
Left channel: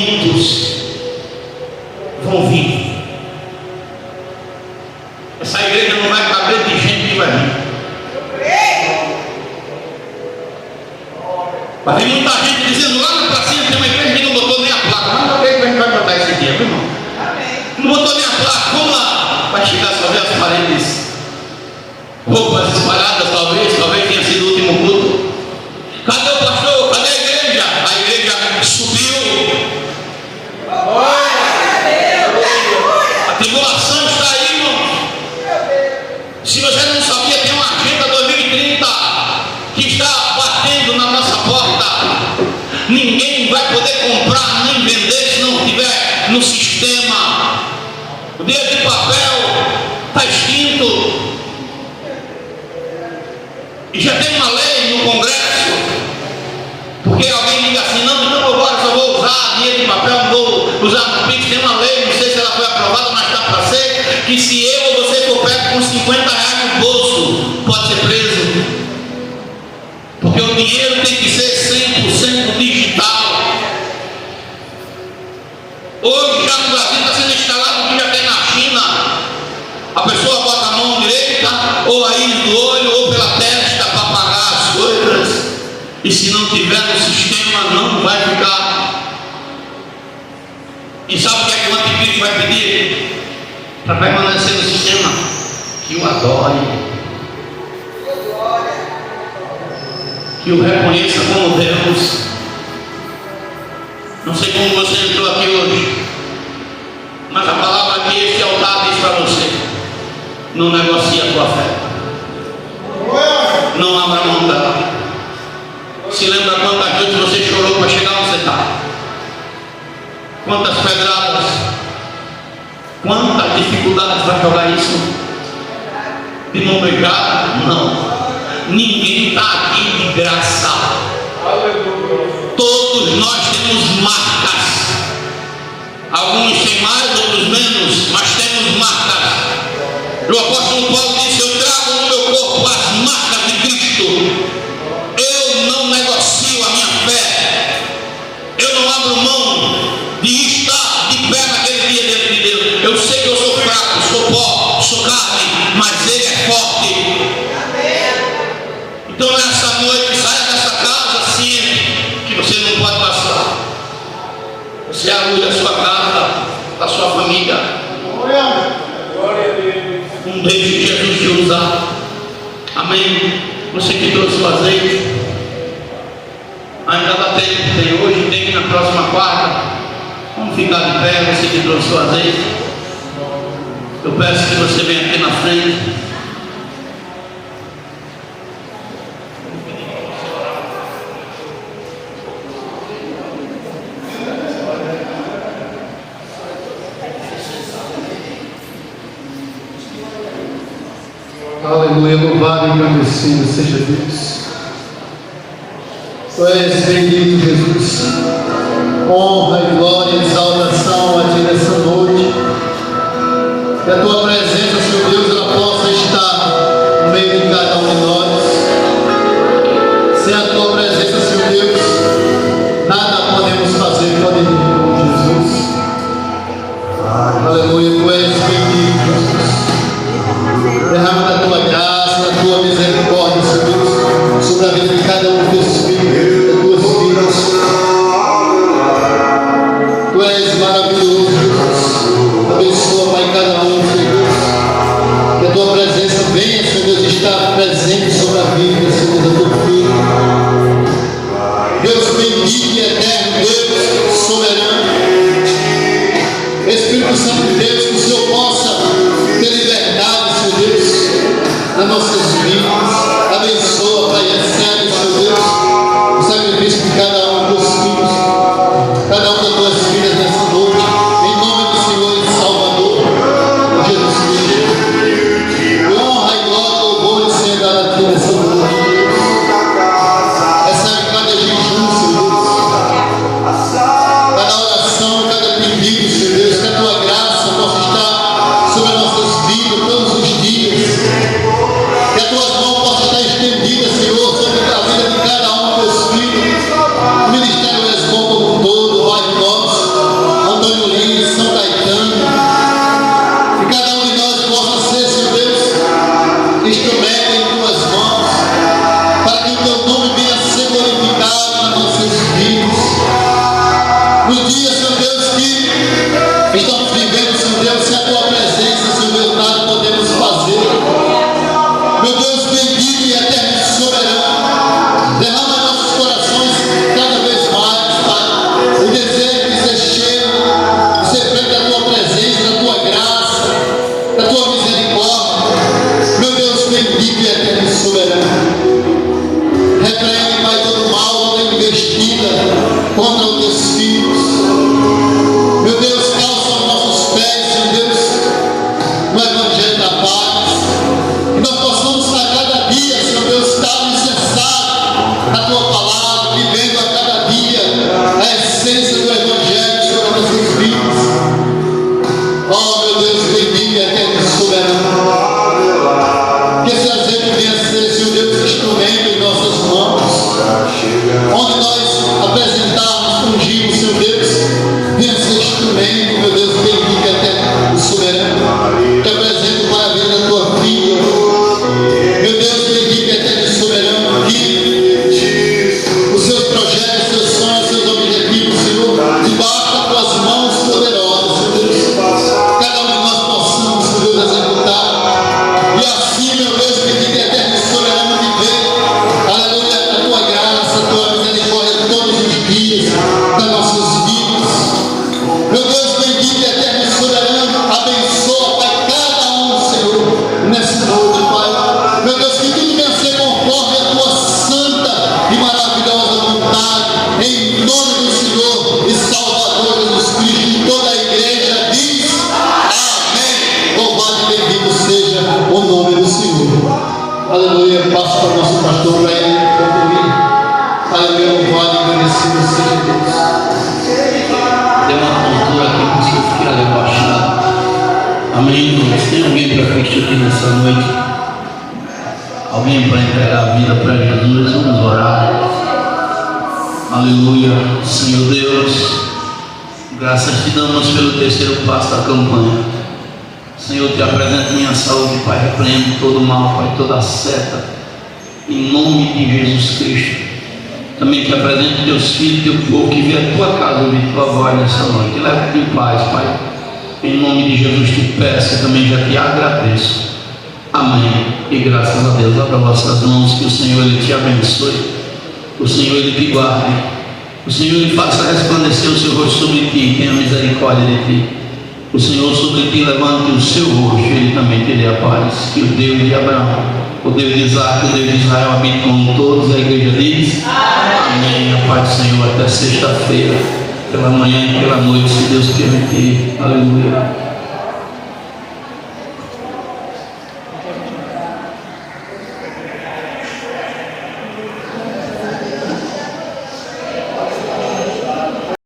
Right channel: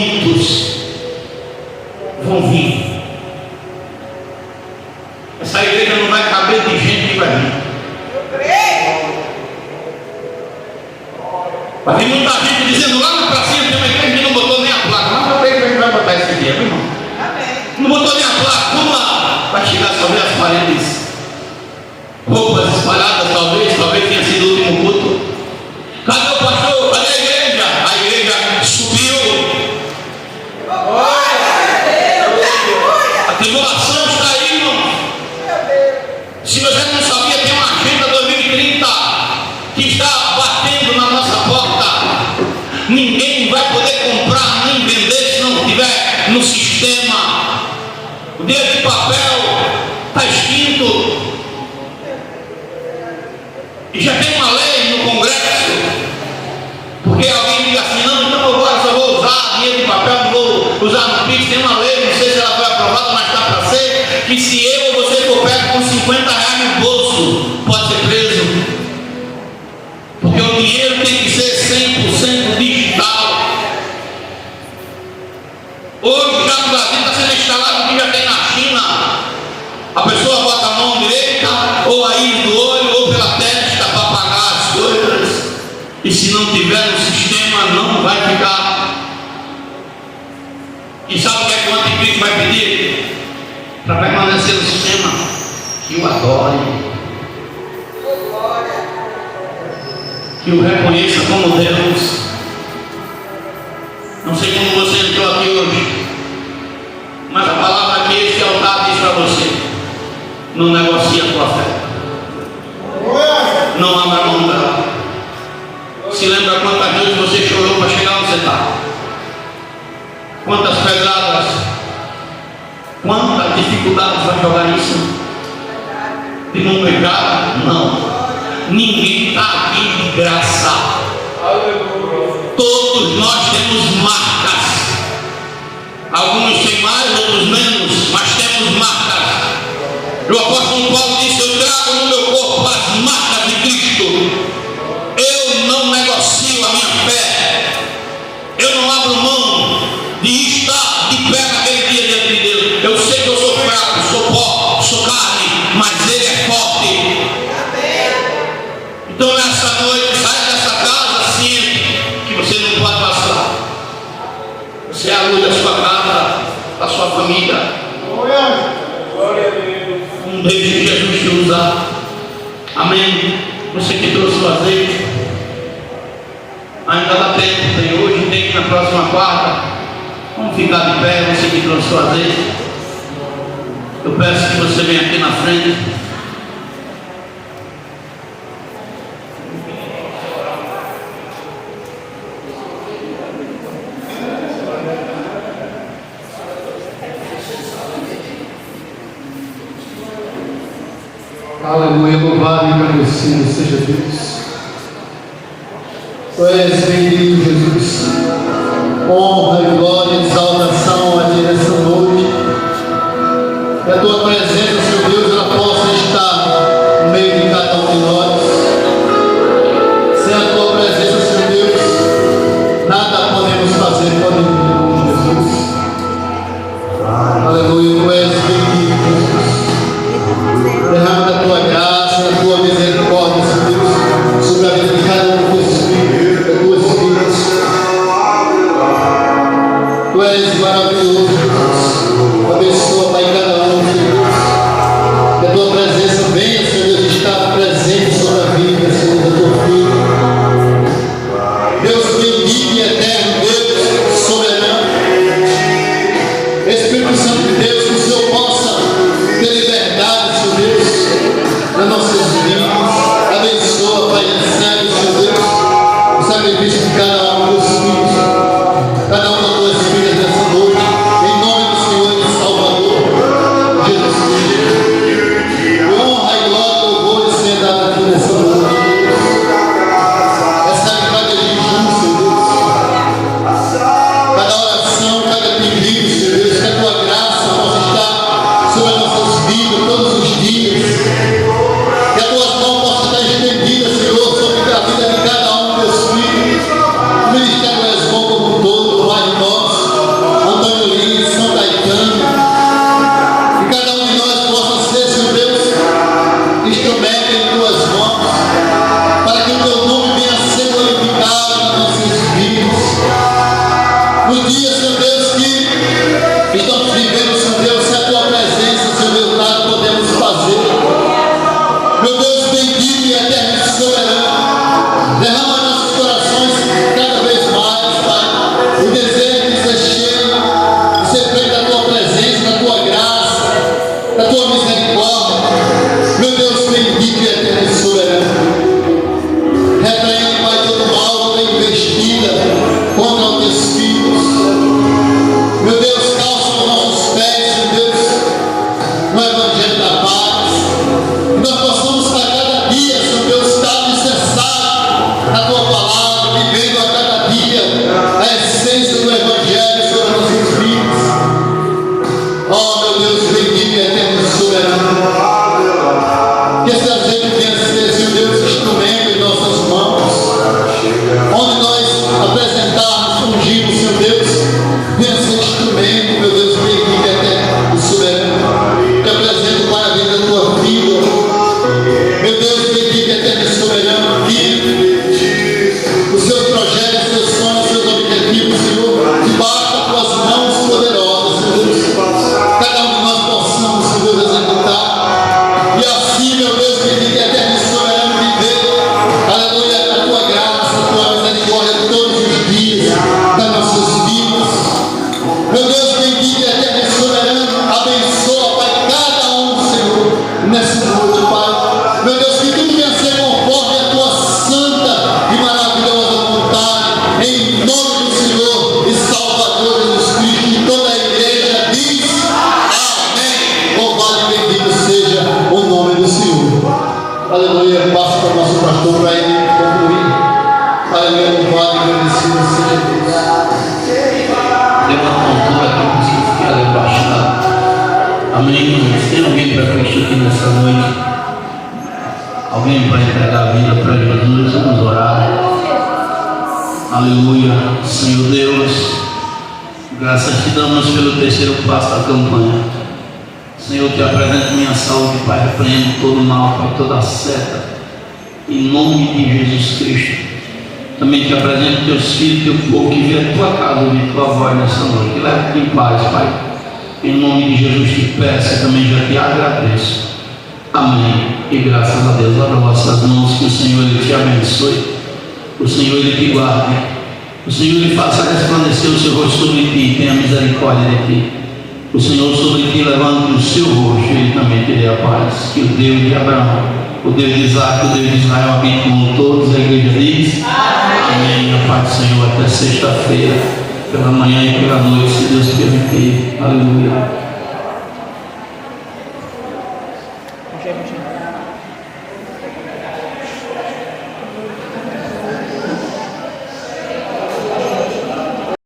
momentos vão vir. Essa igreja não vai caber de gente que vai vir. Vai vir muita gente dizendo lá na pracinha tem uma igreja que não botou nem a placa. Não, a igreja vai botar esse dia, meu irmão. Não botou nem a placa, vamos lá. Vai chegar só ver as paredes, roupas espalhadas, talvez tenha sido o último culto. Cadê o pastor? Cadê a igreja? A igreja subiu. A tribulação está aí, irmão. Se você não sabia, tem uma agenda 2030 que está batendo na nossa porta. Ninguém vai poder comprar nem vender se não estiver no sistema. O dinheiro de papel está extinto. E já tem uma lei no Congresso. Porque alguém diga assim, não, então agora só vou usar dinheiro de papel, não vou usar no Pix. Tem uma lei, não sei se ela foi aprovada, mas está para ser, que se eu ou você for pego com 50 reais no bolso, pode ser preso. Porque o dinheiro tem que ser 100% digital. Hoje já no Brasil está sendo instalado o que já tem na China. A pessoa bota a mão direita, ou aí no olho, ou pela testa para pagar as coisas. E se não tiver no sistema, não vai ficar. E sabe o que é que o anticristo vai pedir? Para permanecer no sistema? Que o adore, que o reconheça como Deus. Não sei como você entrou aqui hoje, mas a palavra que este altar diz para você: não negocie a tua fé, não abra mão dela. Se lembra quantas vezes você chorou para chegar onde você está? Quantas pedradas, quantas dificuldades vai jogar isso? De não pegar? Não. Ninguém está aqui de graça. Todos nós temos marcas. Alguns têm mais, outros menos, mas temos marcas. O apóstolo Paulo disse: eu trago no meu corpo as marcas de Cristo. Eu não negocio a minha fé. Eu não abro mão de estar de pé naquele dia diante de Deus. Eu sei que eu sou fraco, sou pó, sou carne, mas Ele é forte. Então nessa noite, sai dessa casa ciente que você não pode passar. Você aluga a sua casa, a sua família. Não deixe Jesus te usar. Amém. Você que trouxe o azeite, ainda dá tempo. Tem hoje, tem na próxima quarta. Vamos ficar de pé. Você que trouxe o azeite, eu peço que você venha aqui na frente. Aleluia, louvado e agradecido seja Deus. Tu és bendito, Jesus. Honra e glória e exaltação a Ti nessa noite. Que a Tua presença, Senhor Deus, ela possa estar no meio de cada um de nós. Sem a Tua presença, Senhor Deus, nada podemos fazer por Jesus. Aleluia, Tu és bendito, Jesus. Derrama da Tua graça, da Tua misericórdia, Senhor Deus, sobre a vida de cada um dos Teus filhos, das Tuas filhas. Tu és maravilhoso, Jesus. Abençoa, Pai, cada um, Senhor Deus. Que a Tua presença venha, Senhor Deus, estar presente sobre a vida, Senhor Deus, da Tua filha. Deus bendito e eterno, Deus soberano. Espírito Santo de Deus, que o Senhor possa ter liberdade, Senhor Deus, nas nossas vidas. Abençoa, Pai, recebe, Senhor Deus, o sacrifício de cada um dos filhos, cada uma das tuas filhas nessa noite, em nome do Senhor e Salvador Jesus Cristo. Honra e glória, louvor e Senhor dado aqui nessa noite, Deus. Recebe cada jejum, Senhor Deus, cada oração, cada pedido, Senhor Deus, que a Tua graça podemos fazer. Meu Deus bendito e eterno e soberano, derrama em nossos corações cada vez mais, Pai, o desejo de ser cheio, de ser feito da Tua presença, da Tua graça, da Tua misericórdia. Meu Deus bendito e eterno e soberano, repreende, Pai, todo o mal, toda investida contra os Teus filhos. Meu Deus, calça os nossos pés, meu Deus, no Evangelho da paz, que nós possamos estar cada dia, Senhor Deus, estar alicerçado na Tua palavra, vivendo a cada dia a essência do Evangelho sobre as nossas vidas. Oh, meu Deus, bendito e eterno e soberano, que esse azeite venha ser, Senhor Deus, instrumento em nossas mãos, onde nós apresentarmos, ungimos, Senhor Deus, venha ser instrumento, meu Deus, bendito e eterno e soberano, que apresenta, Pai, a vida da Tua vida. Meu Deus bendito e eterno e soberano, que os Seus projetos, os Seus sonhos, os Seus objetivos, Senhor, debaixo das Tuas mãos poderosas, Senhor Deus, cada um de nós possamos, Senhor Deus, executar, e assim, meu Deus bendito e eterno e soberano, viver, aleluia, a Tua graça, a Tua misericórdia todos os dias das nossas vidas. Meu Deus bendito e eterno e soberano, abençoa, Pai, cada um, Senhor, nessa noite, Pai. Meu Deus, que tudo venha a ser conforme a Tua santa e maravilhosa vontade, em nome do Senhor e Salvador Jesus Cristo. E toda a igreja diz amém. Louvado e bendito seja o nome do Senhor. Aleluia. Passo para o nosso pastor para ele concluir. Aleluia. Louvado e agradecido seja Deus. Tem uma cultura aqui que vocês querem abaixar. Amém, irmãos? Tem alguém para Cristo aqui nessa noite? Alguém para entregar a vida para Jesus? Vamos orar. Aleluia. Senhor Deus, graças te damos pelo terceiro passo da campanha. Senhor, te apresento minha saúde, Pai. Repreendo todo mal, Pai, toda seta, em nome de Jesus Cristo. Também te apresento teus filhos, teu povo que vê a tua casa ouvir tua voz nessa noite. Leve-te em paz, Pai. Em nome de Jesus te peço, eu também já te agradeço. Amém. E graças a Deus, abra vossas mãos, que o Senhor Ele te abençoe. O Senhor Ele te guarde. O Senhor Ele faça resplandecer o seu rosto sobre ti e tenha misericórdia de ti. O Senhor sobre ti levante o seu rosto e Ele também te dê a paz. Que o Deus de Abraão, o Deus de Isaac, o Deus de Israel habite com todos. A igreja diz amém. A paz do Senhor até sexta-feira, pela manhã e pela noite, se Deus permitir. Aleluia.